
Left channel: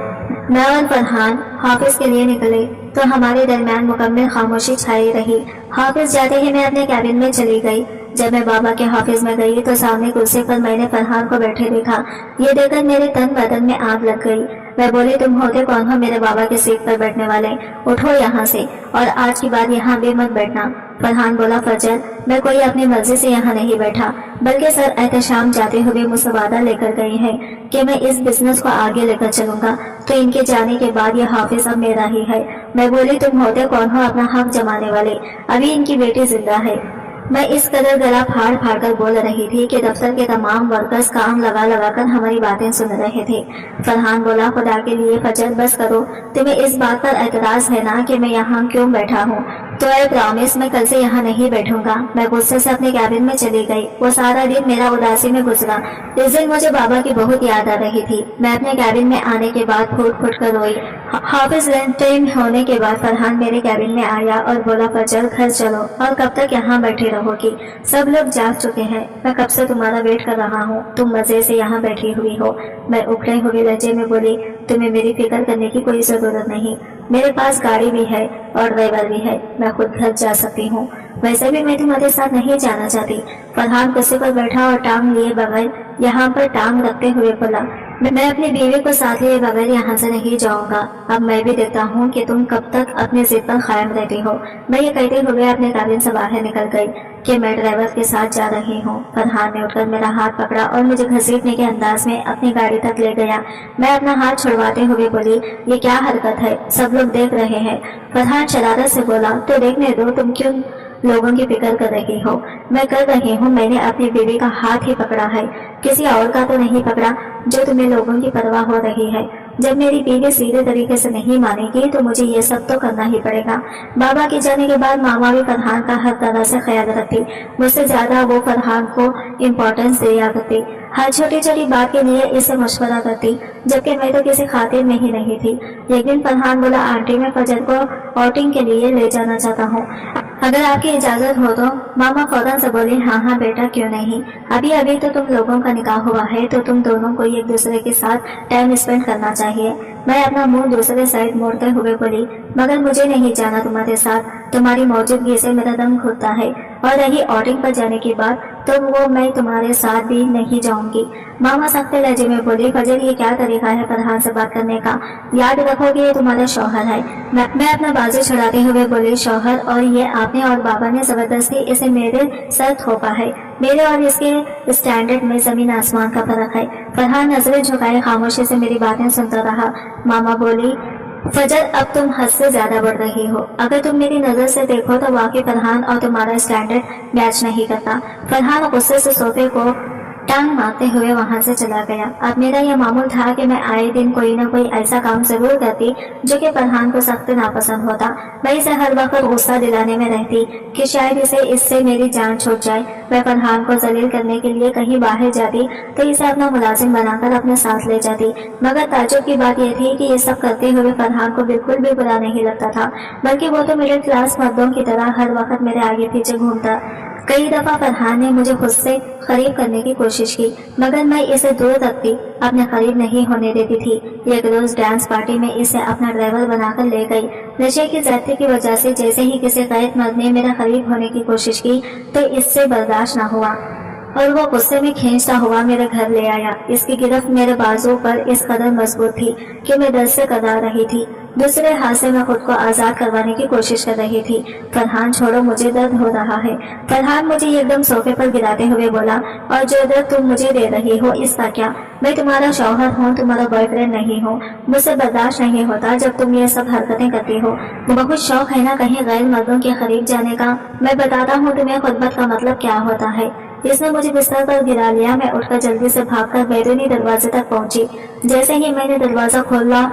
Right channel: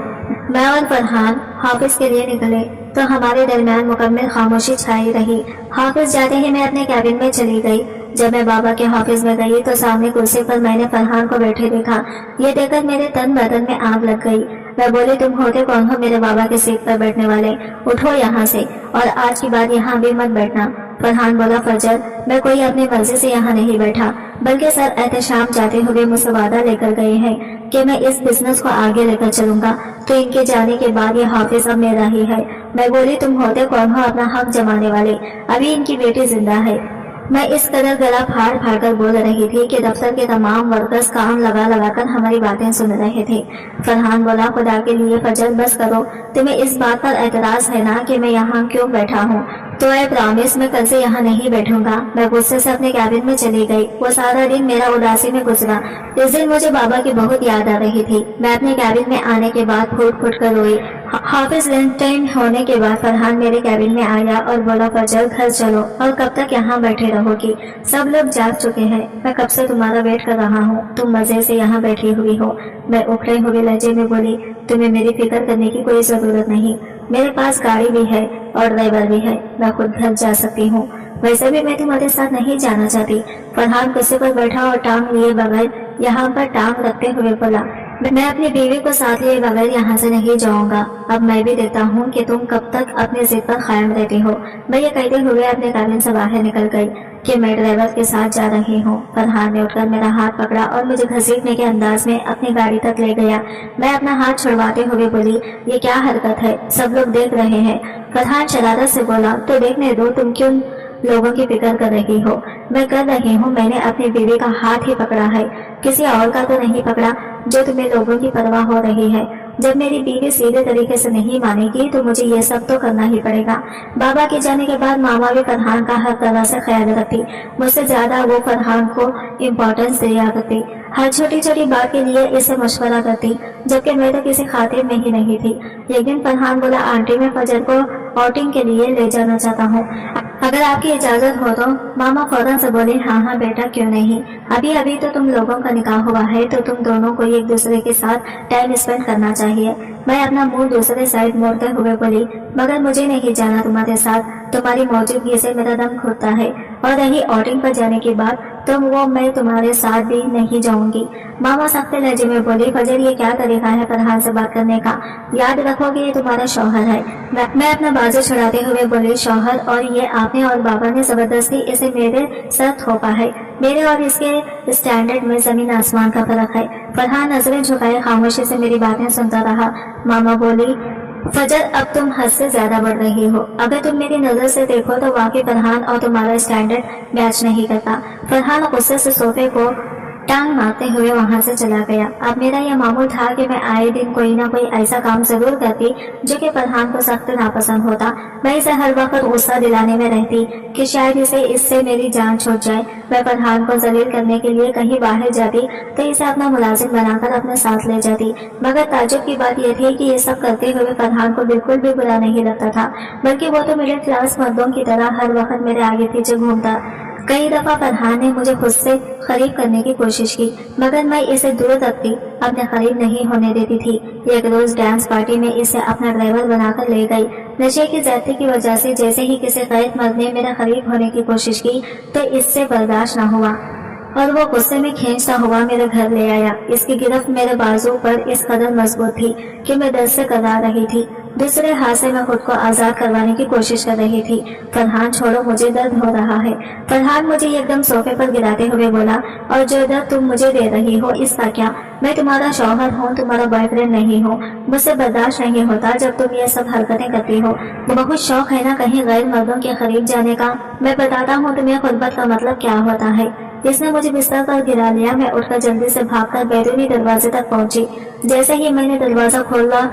میں اور فرحان حافظ کے لیے نکلے تو ہمارے درمیان مکمل خاموشی چھائی رہی۔ حافظ جاتے ہی میں اپنے کیبن میں چلی گئی۔ جب میں بابا کے حافظ میں گئی تو سامنے کرسی پر میں نے فرحان کو بیٹھے دیکھا۔ یہ دیکھ کر میرے تن بدن میں آگ لگ گئی۔ میں بولی، تم ہوتے کون ہو میرے بابا کے سیٹ پر بیٹھنے والے؟ اٹھو یہاں سے، اور آج کے بعد یہاں بھی مت بیٹھنا۔ فرحان بولا، فجر میں کوئی اپنی مرضی سے یہاں نہیں بیٹھا، بلکہ سر احتشام جاتے ہوئے مجھ سے وعدہ لے کر گئے ہیں کہ میں اس بزنس کو آگے لے کر چلوں گا، تو ان کے جانے کے بعد یہ حافظ اب میرا ہی ہے۔ میں بولی، تم ہوتے کون ہو اپنا حق جمانے والے؟ ابھی ان کی بیٹی زندہ ہے۔ میں اس قدر گلا پھاڑ پھاڑ کر بول رہی تھی کہ دفتر کے تمام ورکرز کان لگا لگا کر ہماری باتیں سن رہے تھے۔ فرحان بولا، خدا کے لیے فجر بس کرو، تمہیں اس بات پر اعتراض ہے نا کہ میں یہاں کیوں بیٹھا ہوں؟ تو اے پرامیس میں کل سے یہاں نہیں بیٹھوں گا۔ میں غصے سے اپنے کیبن میں چلی گئی۔ وہ سارا دن میرا اداسی میں گزرا۔ اس دن مجھے بابا کی بہت یاد آ رہی تھی۔ میں اپنے کیبن میں آنے کے بعد پھوٹ پھوٹ کر روئی۔ حافظ لنچ ٹائم ہونے کے بعد فرحان میرے کیبن میں آیا اور بولا، فجر گھر چلو، اور کب تک یہاں بیٹھے رہو گی؟ سب لوگ جاگ چکے ہیں، میں کب سے تمہارا ویٹ کر رہا ہوں، تم مزے سے یہاں بیٹھی ہوئی ہو۔ میں اکھڑے ہوئے لہجے میں بولی، تمہیں میری فکر کرنے کی کوئی ضرورت نہیں، میرے پاس گاڑی بھی ہے اور ڈرائیور بھی ہے، میں خود گھر جا سکتی ہوں۔ ویسے بھی میں تمہارے ساتھ نہیں جانا چاہتی۔ فرحان کرسی پر بیٹھا اور ٹانگ لیے بغیر یہاں پر ٹانگ رکھتے ہوئے بولا، میں اپنی بیوی کو ساتھ لیے بغیر یہاں سے نہیں جاؤں گا۔ اب میں بھی دیکھتا ہوں کہ تم کب تک اپنے ضد پر قائم رہتی ہو۔ میں یہ کہتے ہوئے اپنے کابن سے باہر نکل گئی کہ میں ڈرائیور کے ساتھ جا رہی ہوں۔ فرحان نے اٹھ کر میرا ہاتھ پکڑا اور مجھے گھسیٹنے کے انداز میں اپنی گاڑی تک لے گیا۔ میں اپنا ہاتھ چھڑواتے ہوئے بولی، یہ کیا حرکت ہے، سب لوگ دیکھ رہے ہیں۔ فرحان شرارت سے بولا، تو دیکھنے دو، تم کیوں لوگوں کی فکر کر رہی ہو؟ میں کر رہی ہوں، میں نے اپنی بیوی کا ہاتھ ہی پکڑا ہے، کسی اور کا تو نہیں پکڑا جو تمہیں لوگوں کی پرواہ ہو رہی ہے۔ جب میری بیوی سیدھے طریقے سے نہیں مانے گی تو مجھے یہ سب تو کرنا ہی پڑے گا۔ بابا کے جانے کے بعد ماما بھی فرحان کا ہر طرح سے خیال رکھتی، مجھ سے زیادہ وہ فرحان کو امپورٹنس دیا کرتی، ہر چھوٹی چھوٹی بات کے لیے اس سے مشورہ کرتی، جبکہ میں تو کسی خاطر میں ہی نہیں تھی۔ ایک دن فرحان بولا، آنٹی میں فجر کو آؤٹنگ کے لیے لے جانا چاہتا ہوں، अगर आपकी इजाजत हो तो। मामा फौरन से बोले, हाँ बेटा, क्यों नहीं। अभी अभी तो तुम लोगों का निकाह हुआ है, तो तुम दोनों को एक दूसरे के साथ टाइम स्पेंड करना चाहिए। मैं अपना मुंह दूसरे साइड मोड़ते हुए बोली, मगर मुझे नहीं जाना तुम्हारे साथ, तुम्हारी मौजूदगी से मेरा दम घुटता है। और रही आउटिंग पर जाने की बात, तो वो मैं तुम्हारे साथ भी नहीं जाऊंगी। मामा सख्त लहजे में बोली, फजर ये क्या तरीका है फरहान से बात करने का, याद रखोगे ये तुम्हारा शौहर है। मैं अपना बाजू छुड़ाते हुए बोली, शौहर, और ये आपने और बाबा ने जबरदस्ती इसे मेरे सर थोपा है। मेरे और इसके स्टैंडर्ड में जमीन आसमान का फर्क है। फरहान नजरें झुकाए खामोशी से मेरी बातें सुनता रहा। मामा बोली, फजर, अब तुम हद से ज्यादा बढ़ रही हो। अगर तुम मेरी नजर से देखो तो वाकई फरहान और तुम्हारा स्टैंडर्ड मैच नहीं करता। फरहान गुस्से से सोफे को टांग मारते हुए वहां से चला गया। अब मेरा यह मामूल था कि मैं आए दिन कोई ना कोई ऐसा काम जरूर करती जो कि फरहान को सख्त नापसंद होता। मैं इसे हर वक्त गुस्सा दिलाने में रहती कि शायद इससे मेरी जान छूट जाए। मैं फरहान को जलील करने के लिए कहीं बाहर जाती तो इसे अपना मुलाजिम बनाकर अपने साथ ले जाती। मगर ताज्जुब की बात यह थी कि ये सब करते हुए फरहान को बिल्कुल भी बुरा नहीं लगता था, बल्कि वो तो मिडिल क्लास मर्दों की तरह हर वक्त मेरे आगे पीछे घूमता। कई दफा फरहान ने मुझे खुद से करीब करने की कोशिश की, मगर मैं इसे दूर रखती, अपने करीब नहीं होने देती थी। एक रोज डांस पार्टी में इसे अपना ड्राइवर बनाकर ले गई। नशे की ज्यादती की वजह से जैसे ही किसी गैर मर्द ने मेरा करीब होने की कोशिश की तो इससे बर्दाश्त न हुआ और वो गुस्से में खींचता हुआ मेरे घर ले आया। इसकी गिरफ्त मेरे बाजू पर इस कदर मजबूत थी कि मैं दर्द से कतरा रही थी। दूसरे हाथ से मैं खुद को आजाद करवाने की कोशिश कर रही थी। फरहान, छोड़ो, मुझे दर्द हो रहा है। फरहान मुझे एकदम सोफे पर गिराते हुए बोला, और जो दर्द तुम मुझे दे रही हो इसका क्या? मैं तुम्हारा शौहर हूँ, तुम्हारा बॉयफ्रेंड नहीं हूँ। मुझसे बर्दाश्त नहीं होता जब तुम ये सब हरकतें करती हो। बहुत शौक है ना कहीं गैर मर्दों के करीब जाने का। मैं बताता हूँ तुम्हें खुर्बत का मतलब क्या होता है। इसने मुझे बिस्तर पर गिरा लिया। मैं उठकर जल्दी से भागकर बैरूनी दरवाजे तक पहुंची। जैसे ही मैंने दरवाजा खोला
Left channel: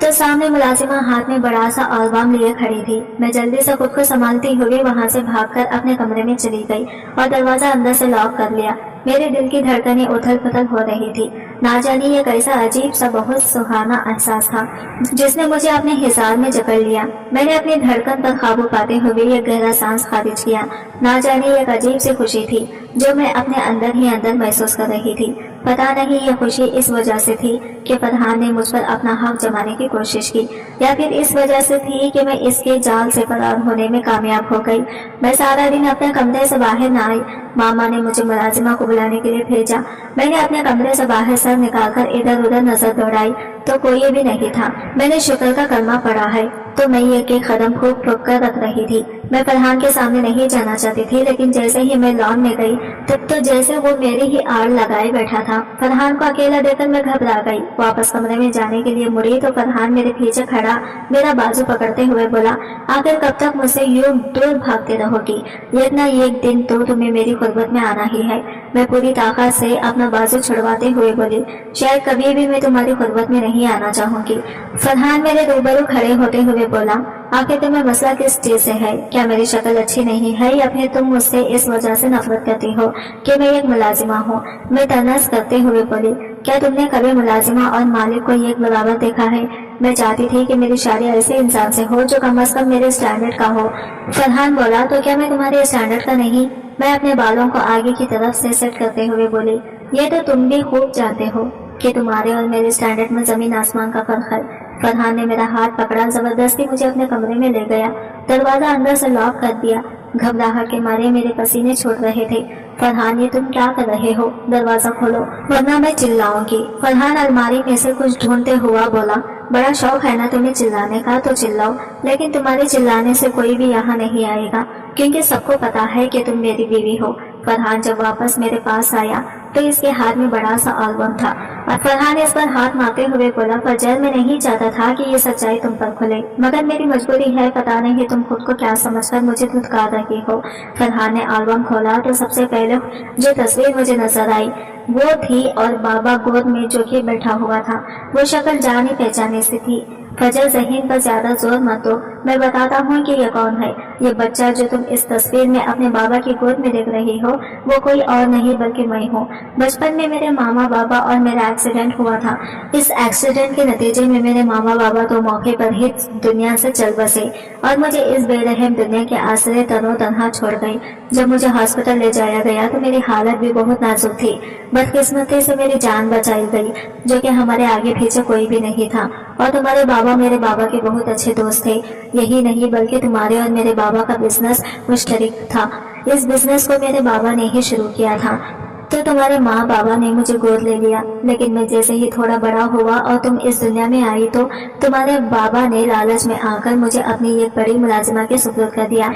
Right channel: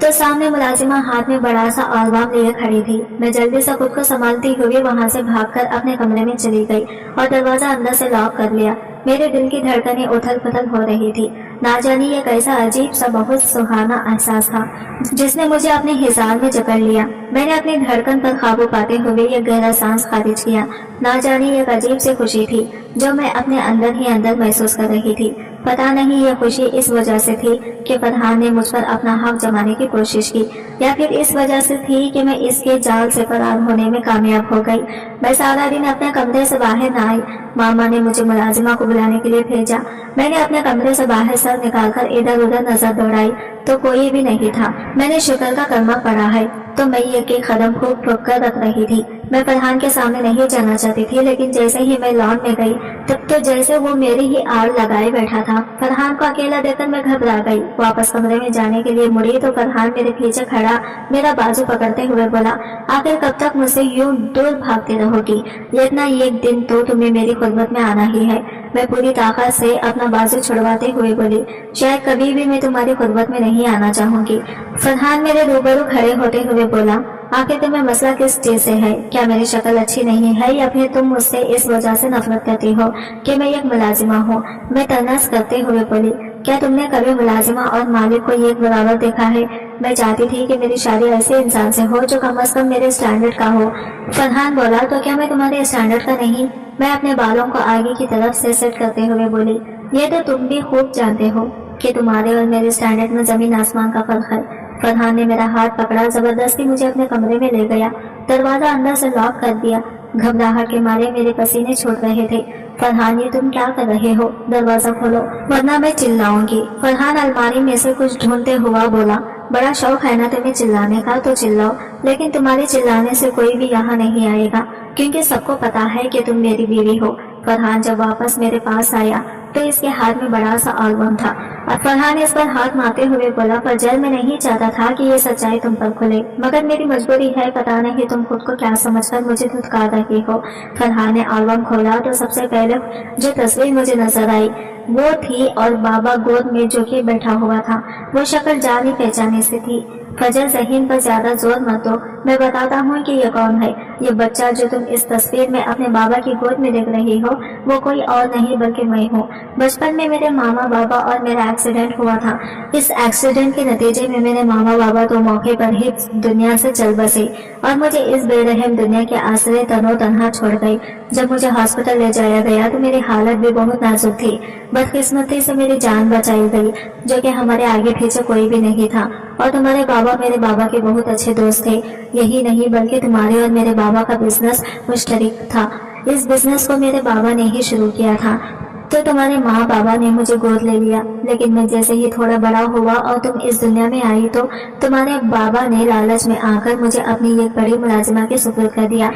तो सामने मुलाजिमा हाथ में बड़ा सा अल्बम लिए खड़ी थी। मैं जल्दी से खुद को संभालती हुए वहां से भागकर अपने कमरे में चली गई और दरवाजा अंदर से लॉक कर लिया। मेरे दिल की धड़कनें उथल पुथल हो रही थी। ना जाने ये कैसा अजीब सा बहुत सुहाना एहसास था जिसने मुझे अपने हिसार में जकड़ लिया। मैंने अपनी धड़कन पर काबू पाते हुए एक गहरा सांस खारिज किया। ना जाने एक अजीब सी खुशी थी जो मैं अपने अंदर ही अंदर महसूस कर रही थी। पता नहीं ये खुशी इस वजह से थी कि फरहान ने मुझ पर अपना हक जमाने की कोशिश की, या फिर इस वजह से थी कि मैं इसके जाल से फरार होने में कामयाब हो गई। मैं सारा दिन अपने कमरे से बाहर न आई। मामा ने मुझे मुलाजिमा को बुलाने के लिए भेजा। मैंने अपने कमरे से बाहर सर निकालकर इधर उधर नजर दौड़ाई तो कोई भी नहीं था। मैंने शुक्र का कलमा पढ़ा है तो मैं एक एक कदम फूक फूक कर रख रही थी। मैं फरहान के सामने नहीं जाना चाहती थी, लेकिन जैसे ही मैं लॉन में गई तब तो जैसे वो मेरी ही आड़ लगाए बैठा था। फरहान को अकेला देखकर मैं घबरा गई। वापस कमरे में जाने के लिए मुड़ी तो फरहान मेरे पीछे खड़ा मेरा बाजू पकड़ते हुए बोला, आखिर कब तक मुझसे यूं दूर भागते रहोगी? एक ना एक दिन तो तुम्हें मेरी खुर्बत में आना ही है। मैं पूरी ताकत से अपना बाजू छुड़वाते हुए बोली, शायद कभी भी मैं तुम्हारी खुर्बत में नहीं आना चाहूंगी। फरहान मेरे रूबरू खड़े होते हुए बोला, आखिर तुम्हें मसला किस चीज से है? क्या मेरी शक्ल अच्छी नहीं है, या फिर तुम मुझसे इस वजह से नफरत करती हो कि मैं एक मुलाजिमा हूँ? मैं तनस करते हुए बोली, क्या तुमने कभी मुलाजिमा और मालिक को एक बराबर देखा है? मैं चाहती थी कि मेरी शादी ऐसे इंसान से हो जो कम से कम मेरे स्टैंडर्ड का हो। फरहान बोला, तो क्या मैं तुम्हारे स्टैंडर्ड का नहीं? मैं अपने बालों को आगे की तरफ से सेट करते हुए बोली, ये तो तुम भी खूब जानते हो कि तुम्हारे और मेरे स्टैंडर्ड में जमीन आसमान का फर्क है। फरहान ने मेरा हाथ पकड़ा, जबरदस्ती मुझे अपने कमरे में ले गया, दरवाजा अंदर से लॉक कर दिया। घबराहट के मारे मेरे पसीने छूट रहे थे। फरहान, ये तुम क्या कर रहे हो? दरवाजा खोलो वरना मैं चिल्लाऊंगी। फरहान अलमारी में से कुछ ढूंढते हुआ बोला, बड़ा शौक है ना तुम्हें चिल्लाने का, तो चिल्लाओ, लेकिन तुम्हारे चिल्लाने से कोई भी यहाँ नहीं आएगा, क्योंकि सबको पता है कि तुम मेरी बीवी हो। फरहान जब वापस मेरे पास आया तो इसके हाथ में बड़ा सा एल्बम था और फरहान ने इस पर हाथ मारते हुए बोला, फजर, मैं नहीं चाहता था कि ये सच्चाई तुम पर खुले, मगर मेरी मजबूरी है। पता नहीं तुम खुद को क्या समझकर मुझे धुतकार रही हो। फरहान ने एल्बम खोला तो सबसे पहले जो तस्वीर मुझे नजर आई वो थी और बाबा गोद में जो कि बैठा हुआ था। वो शक्ल जानी पहचानी सी थी। फजर, ज़हीन पर ज्यादा जोर मत दो, मैं बताता हूँ कि ये कौन है। ये बच्चा जो तुम इस तस्वीर में अपने बाबा की गोद में देख रही हो, वो कोई और नहीं बल्कि मैं हूँ। बचपन में मेरे मामा बाबा और मेरा एक्सीडेंट हुआ था। इस एक्सीडेंट के नतीजे में मेरे मामा बाबा तो मौके पर ही दुनिया से चल बसे और मुझे इस बेरहम दुनिया के आसरे तनो तनहा छोड़ गए। जब मुझे हॉस्पिटल ले जाया गया तो मेरी हालत भी बहुत नाजुक थी। बदकिस्मती से मेरी जान बचाई गई, जो कि हमारे आगे पीछे कोई भी नहीं था। और तुम्हारे बाबा मेरे बाबा के बहुत अच्छे दोस्त थे। यही नहीं बल्कि तुम्हारे और मेरे बाबा का बिजनेस मुश्तरक था। इस बिजनेस को मेरे बाबा ने ही शुरू किया था। तो तुम्हारे माँ बाबा ने मुझे गोद ले लिया, लेकिन मैं जैसे ही थोड़ा बड़ा हुआ और तुम इस दुनिया में आई तो तुम्हारे बाबा ने लालच में आकर मुझे अपनी एक बड़ी मुलाजिमा के सुपुर्द कर दिया।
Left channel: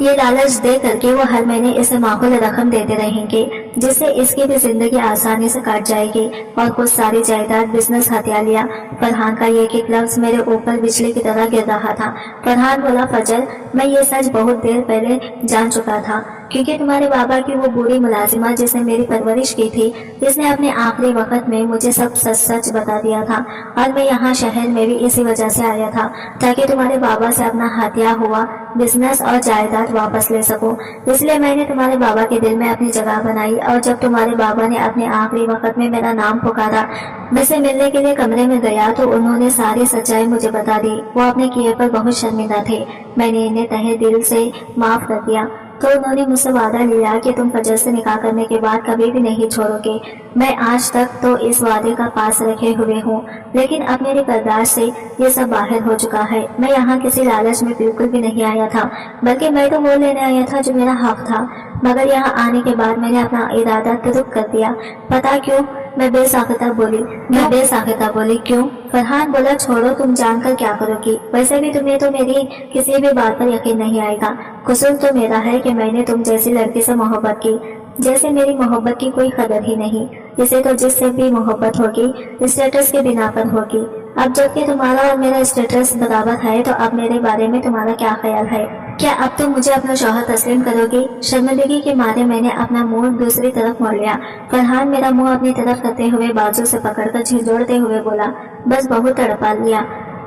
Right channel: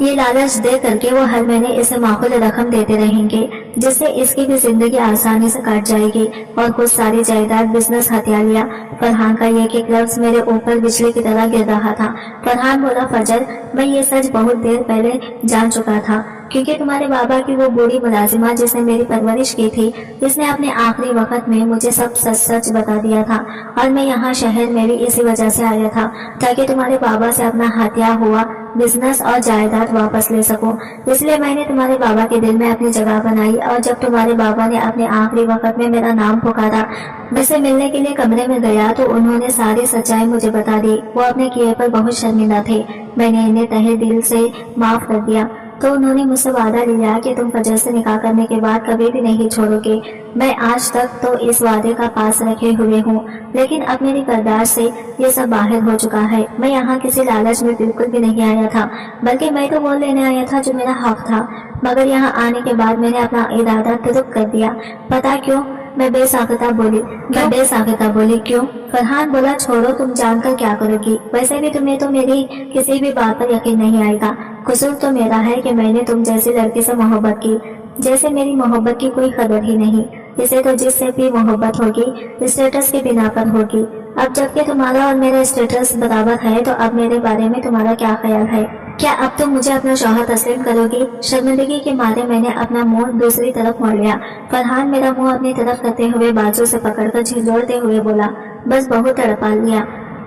ये लालच दे करके वो हर महीने इसे माकूल रकम देते रहेंगे, जिससे इसकी भी जिंदगी आसानी से कट जाएगी। और कुछ सारी जायदाद, बिजनेस हथिया लिया। फरहान का ये एक लफ्ज मेरे ऊपर बिजली की तरह गिर रहा था। फरहान बोला, फजर, मैं ये सच बहुत देर पहले जान चुका था, क्योंकि तुम्हारे बाबा की वो बूढ़ी मुलाजिमा जिसने मेरी परवरिश की थी, जिसने अपने आखिरी वक्त में मुझे सब सच सच बता दिया था। और मैं यहाँ शहर में भी इसी वजह से आया था, ताकि तुम्हारे बाबा से अपना हत्या हुआ बिजनेस और जायदाद वापस ले सकूं। इसलिए मैंने तुम्हारे बाबा के दिल में अपनी जगह बनाई। और जब तुम्हारे बाबा ने अपने आखिरी वक्त में मेरा नाम पुकारा, मैं से मिलने के लिए कमरे में गया तो उन्होंने सारी सच्चाई मुझे बता दी। वो अपने किए पर बहुत शर्मिंदा थे। मैंने इन्हें तहे दिल से माफ कर दिया। तो उन्होंने मुझसे वादा लिया कि तुम फजर से निकाह करने के बाद कभी भी नहीं छोड़ोगे। मैं आज तक तो इस वादे का पास रखे हुए हूँ, लेकिन अब मेरी बर्दाश्त से ये सब बाहर हो चुका है। मैं यहाँ किसी लालच में बिल्कुल भी नहीं आया था, बल्कि मैं तो वो लेने आया था जो मेरा हक था। मगर यहाँ आने के बाद मैंने अपना इरादा तुर्क कर दिया। पता क्यों? मैं बेसाख्ता बोली, क्यों? फरहान बोला, छोड़ो, तुम जानकर क्या करोगी? वैसे भी तुम्हें तो मेरी किसी भी बात पर यकीन नहीं आएगा। कसूर तो मेरा है कि मैंने तुम जैसी लड़की से मोहब्बत की, जैसे मेरी मोहब्बत की कोई कदर ही नहीं। इसे तो जिससे भी मोहब्बत होगी स्टेटस के बिना पर होगी। अब जबकि तुम्हारा और मेरा स्टेटस बराबर है, तो अब मेरे बारे में तुम्हारा क्या ख्याल है? क्या अब तुम मुझे अपना शौहर तस्लीम करोगी? शर्मिंदगी के मारे मैंने अपना मुंह दूसरी तरफ मोड़ लिया। फरहान मेरा मुंह अपनी तरफ करते हुए बाजू से पकड़कर झिझोड़ते हुए बोला, बस बहुत तड़पा लिया।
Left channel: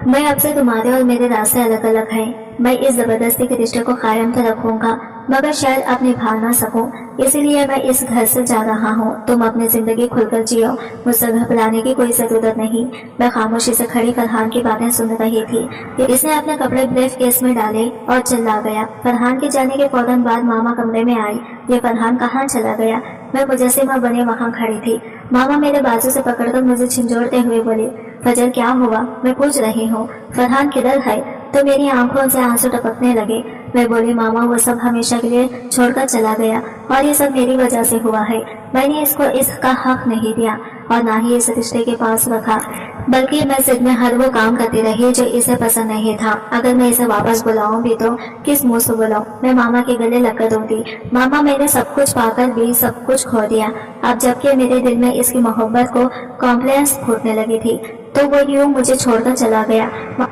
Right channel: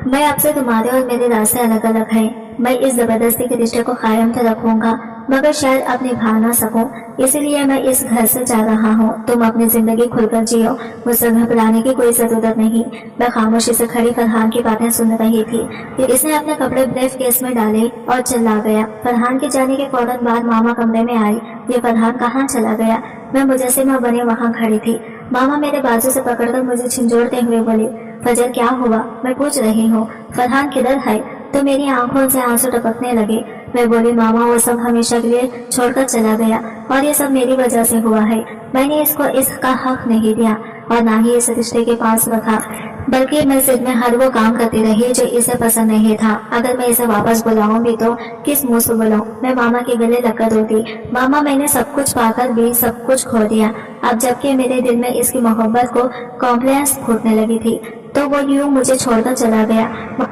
मैं अब से तुम्हारे और मेरे रास्ते अलग अलग हैं। मैं इस जबरदस्ती के रिश्ते को कायम तो रखूंगा, मगर शायद अब निभा ना सकूं। इसलिए मैं इस घर से जा रहा हूँ। तुम अपनी जिंदगी खुलकर जियो, मुझसे घबराने की कोई जरूरत नहीं। मैं खामोशी से खड़ी फरहान की बातें सुन रही थी। इसने अपने कपड़े ब्रीफ केस में डाले और चला गया। फरहान के जाने के फौरन बाद मामा कमरे में आई। ये फरहान कहाँ चला गया? मैं मुजस्सिमा बने वहाँ खड़ी थी। मामा मेरे बाजू से पकड़कर मुझे झिंझोड़ते हुए बोले, फजर क्या हुआ? मैं पूछ रही हूँ, फरहान किधर है? तो मेरी आंखों से आंसू टपकने लगे। मैं बोली, मामा वो सब हमेशा के लिए छोड़कर चला गया और ये सब मेरी वजह से हुआ है। मैंने इसको इसका हक नहीं दिया और ना ही इस रिश्ते के पास रखा, बल्कि मैं जिद में हर वो काम करती रही जो इसे पसंद नहीं था। अगर मैं इसे वापस बुलाऊं भी तो किस मुंह से बुलाऊं? मैं मामा के गले लगकर रोती, मामा मैंने सब कुछ पाकर भी सब कुछ खो दिया। अब जबकि मेरे दिल में इसकी मोहब्बत को कॉम्प्लेक्स फूटने लगी थी, तो वो यूं मुझे छोड़कर चला गया।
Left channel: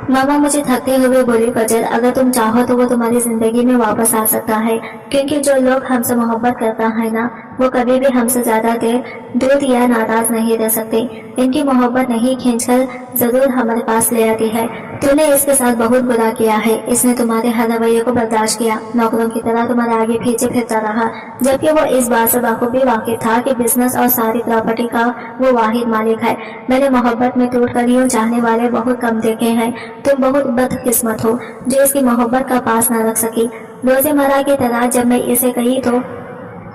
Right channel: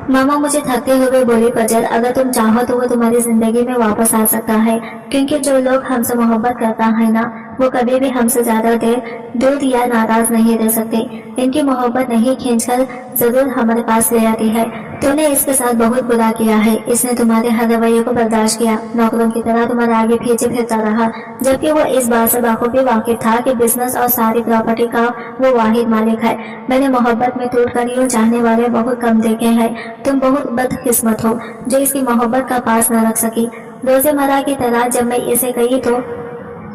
मामा मुझे थकते हुए बोली, फजर अगर तुम चाहो तो वो तुम्हारी जिंदगी में वापस आ सकता है, क्योंकि जो लोग हमसे मोहब्बत करता है ना, वो कभी भी हमसे ज्यादा देर दूर या नाराज नहीं रह सकते। इनकी मोहब्बत नहीं खींचकर जरूर हमारे पास ले आती है। तूने इसके साथ बहुत बुरा किया है। इसने तुम्हारे हर रवैये को बर्दाश्त किया, नौकरों की तरह तुम्हारे आगे पीछे फिरता रहा, जबकि वो इस बात से बखूबी वाकिफ था कि बिजनेस और सारी प्रॉपर्टी का वो वाहिद मालिक है। मैंने मोहब्बत में टूट कर यूं चाहने वाले बहुत कम देखे हैं। तुम बहुत बदकिस्मत हो जो इसकी मोहब्बत का पास न रख सकी। रोज़मर्रा की तरह जब मैं इसे कही तो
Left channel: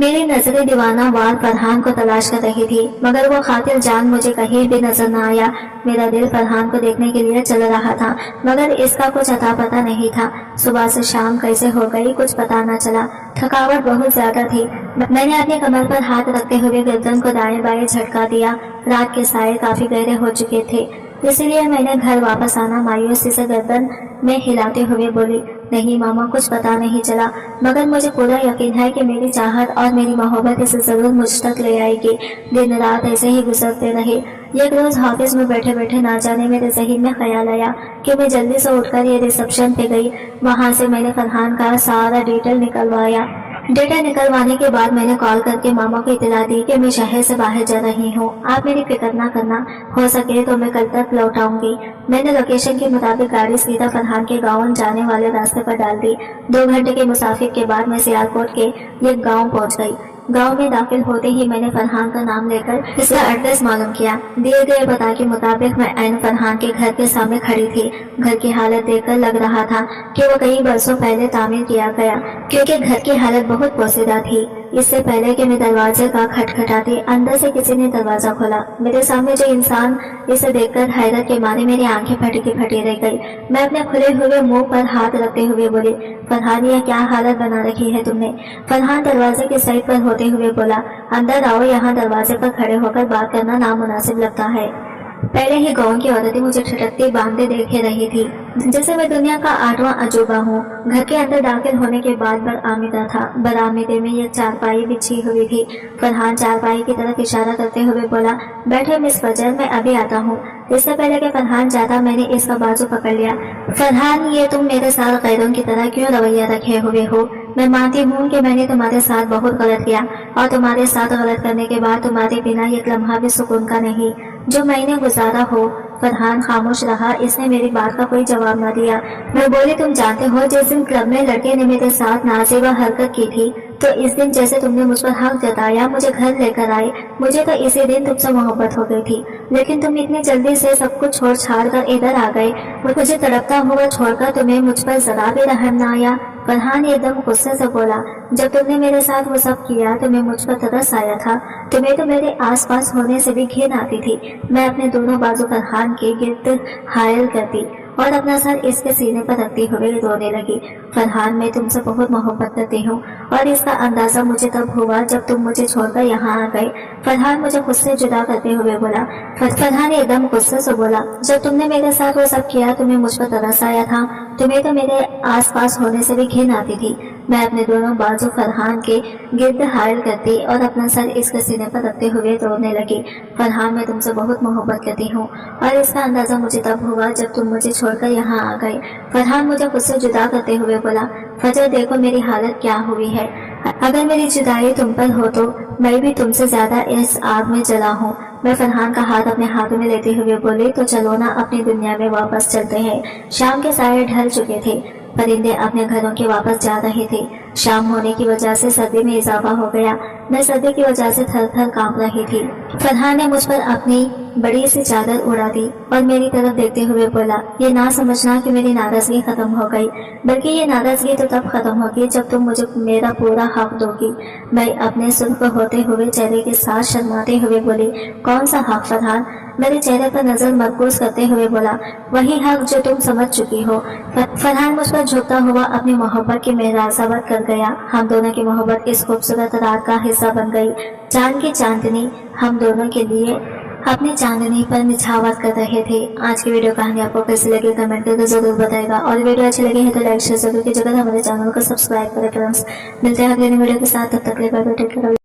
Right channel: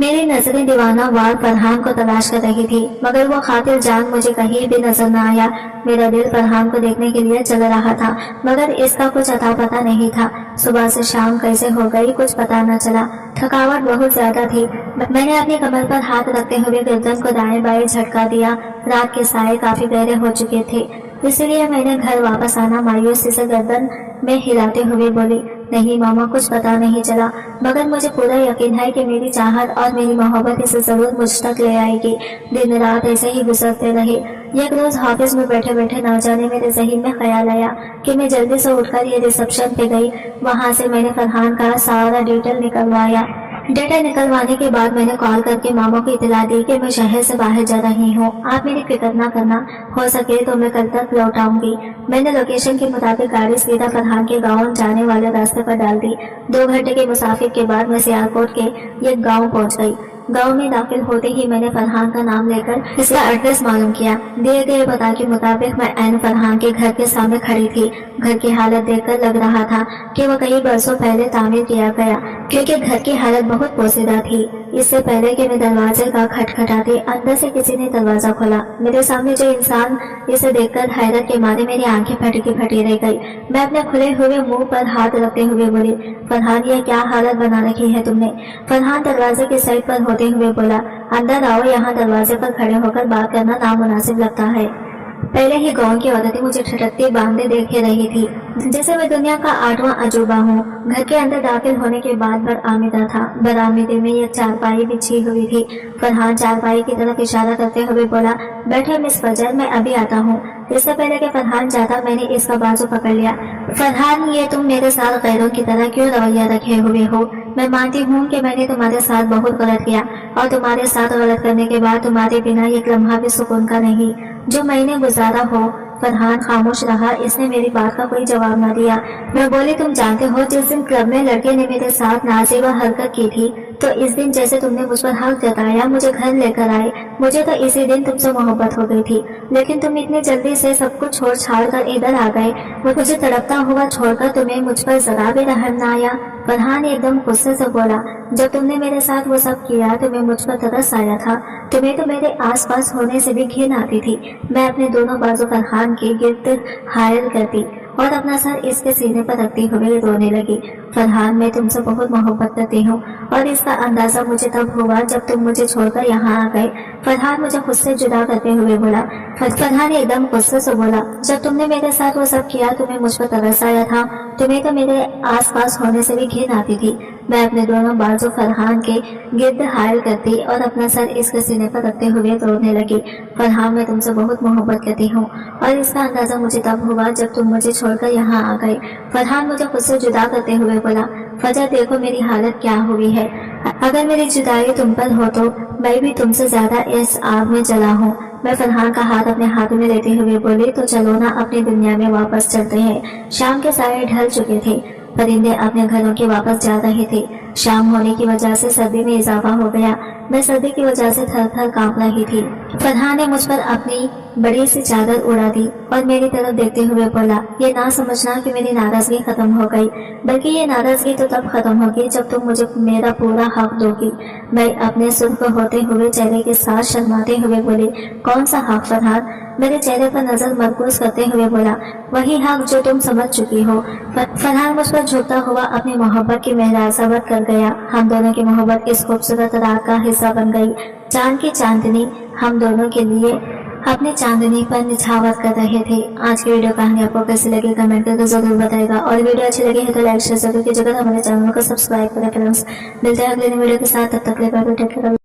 मेरी नजरें दीवाना वार फरहान को तलाश कर रही थी, मगर वो खातिर जान मुझे कहीं भी नजर न आया। मेरा दिल फरहान को देखने के लिए चल रहा था, मगर इसका कुछ अता पता नहीं था। सुबह से शाम कैसे हो गई कुछ पता न चला। थकावट बहुत ज्यादा थी। मैंने अपनी कमर पर हाथ रखते हुए गर्दन को दाएं बाएं झटका दिया। रात के साए काफी गहरे हो चुके थे, इसलिए मैंने घर वापस आना मायूसी से गर्दन में हिलाते हुए बोली, नहीं मामा कुछ पता नहीं चला, मगर मुझे पूरा यकीन है कि मेरी चाहत और मेरी मोहब्बत इसे जरूर मुझ तक ले आएगी। दिन रात ऐसे ही गुजरते रहे। एक रोज ऑफिस में बैठे बैठे ना जाने मेरे ज़हन में ख्याल आया कि मैं जल्दी से उठकर ये रिसेप्शन पे गई। वहां से मैंने फरहान का सारा डिटेल निकलवाया। डेटा निकलवाने के बाद मैंने कॉल करके मामा को इतला दी कि मैं शहर से बाहर जा रही हूँ, आप मेरी फिक्र ना करना, हो सके तो मैं कल तक लौट आऊंगी। मैंने लोकेशन के मुताबिक गाड़ी सीधा फरहान के गाँव जाने वाले रास्ते पर डाल दी। 2 घंटे के मुसाफिर के बाद मैं सियालकोट के एक गाँव पहुँच गई। गांव में दाखिल होते ही मैंने फरहान का नाम लेकर इसका एड्रेस मालूम किया। दिए गए पता के मुताबिक मैं ऐन फरहान के घर के सामने खड़ी थी। घर की हालत देखकर लग रहा था कि वो कई बरसों पहले तामीर किया गया, क्योंकि घर की हालत बहुत पोसीदा थी। इससे पहले कि मैं दरवाजे का खटखटाती, अंदर से किसी ने दरवाजा खोला। मेरे सामने जो इंसान, इसे देखकर हैरत के मारे मेरी आंखें फटी की फटी रह गई। मैं अपने खुले हुए मुंह पर हाथ रखते हुए बोली, फरहान यह क्या हालत बना रखी है तुमने? फरहान दरवाजे के साइड पर होते हुए बोला, अंदर आओ, यहाँ दरवाजे पर खड़े होकर बात करना नामुनासिब लगता है। पहले ही गांव की औरतें मुझे ठटकती बांधे देखे रही थी, जैसे मैं दुनिया का 8वां अजूबा हूँ। घर के अंदर दाखिल होने के बाद बरामदा था। बरामदे में एक चारपाई बिछी हुई थी। फरहान चारपाई की तरफ इशारा करते हुए बोला, बैठे मिस फजर, मैं अभी आता हूँ। इससे पहले कि फरहान जाता, मैंने इसका बाजू पकड़ लिया। फरहान, ये तुम मेरे साथ गैरों की तरह क्यों रवैया रखे हुए हो? मैं मानती हूँ कि मैंने तुम्हारे साथ बहुत गलत किया, और तुम्हारे साथ गलत करने के बाद तुम्हारे बिना एक लम्हा भी सुकून का नहीं जो मैंने गुजारा हो। फरहान खामोश रहा, इसने मेरी बात का कोई जवाब न दिया। मैं बोली, तुम जानते हो जिस दिन क्लब में लड़के ने मेरे साथ नाज़ेबा हरकत की थी, तो इस दिन जैसे तुमने मुझ पर हक जताया, मुझे घर लेकर आए, मुझे तो इसी दिन तुमसे मोहब्बत हो गई थी। लेकिन तुम इतनी जल्दी से सब कुछ छोड़ छाड़ कर इधर आ गए। मुझे तड़पता हुआ छोड़कर तुम्हें मुझ पर जरा भी रहम न आया। फरहान एकदम गुस्से से बोला, जब तुमने मेरे साथ वो सब किया तुम्हें मुझ पर तरस आया था, तुम्हें तो मेरे आसपास होने से भी घिन आती थी। मैं अपने दोनों बाजू फरहान के गिर्द हायल करती और अपना सर इसके सीने पर रखती हुए रोने लगी। फरहान, मैं तुमसे बहुत मोहब्बत करती हूँ, और इसका अंदाजा मुझे तब हुआ जब तुम मुझे छोड़कर यहाँ आ गए। फरहान मुझे खुद से जुदा करते हुए बोला। फरहान एकदम गुस्से से बोला, जब तुमने मेरे साथ वो सब किया तुम्हें मुझ पर तरस आया था, तुम्हें तो मेरे आसपास होने से भी घिन आती थी। मैं अपने दोनों बाजू फरहान के गिर्द हायल करती और अपना सर इसके सीने पर रखते हुए रोने लगी। फरहान, मैं तुमसे बहुत मोहब्बत करती हूँ, और इसका अंदाजा मुझे तब हुआ जब तुम मुझे छोड़कर यहाँ आ गए। फरहान मुझे खुद से जुदा करते हुए बोला, फजर देखो मेरी हालत क्या हुई है। अगर मेरी जुदाई तुम पर हो तो मैं भी तुमसे ज्यादा इस आग में जला हूँ। मैं फरहान का हाथ अपने हाथ में लेते हुए बोली, तो चलो ना अपनी दुनिया में वापस चलते हैं। शाम के साये ढल चुके थे, परिंदे अपने घरों के वापस जा रहे थे। शाम होने की वजह से सर्दी में इजाफा हो गया। मैं सर्दी की वजह से थर थर कांप रही थी। फरहान ने मुझ पर अपनी बड़ी सी चादर उड़ा दी और मेरी तरफ देखते हुए बोला, ये ना समझना कि मेरी नाराजगी खत्म हो गई, बल्कि ये नाराजगी तो तब खत्म होगी जब तुम मुझे मेरा पूरा हक दोगी। मैं अपने सुर्ख होते हुए चेहरे के साथ शर्माते हुए बोली, कौन सा हक फरहान? मेरे चेहरे पर नजर मरकूज करते हुए बोला, वही हक जो तुम समझ चुकी हो। फरहान मुझ पर झुकता हुआ अपनी मोहब्बत की मेहराज़ावत कर गया। हम दोनों की मोहब्बत इस खूबसूरत रात का हिस्सा बन गई। चांद की चांदनी हम दोनों के लिए अपनी चांदनी पर निछावर कर रहे थे। आज की वीडियो कहानी आपको कैसी लगी कमेंट करके जरूर बताएगा, और वीडियो अच्छी लगी है तो लाइक शेयर जरूर कीजिएगा। हमारे चैनल को सब्सक्राइब करें फ्रेंड्स। मिलते हैं अगले वीडियो के साथ, तब तक के लिए बाय बाय, टेक केयर।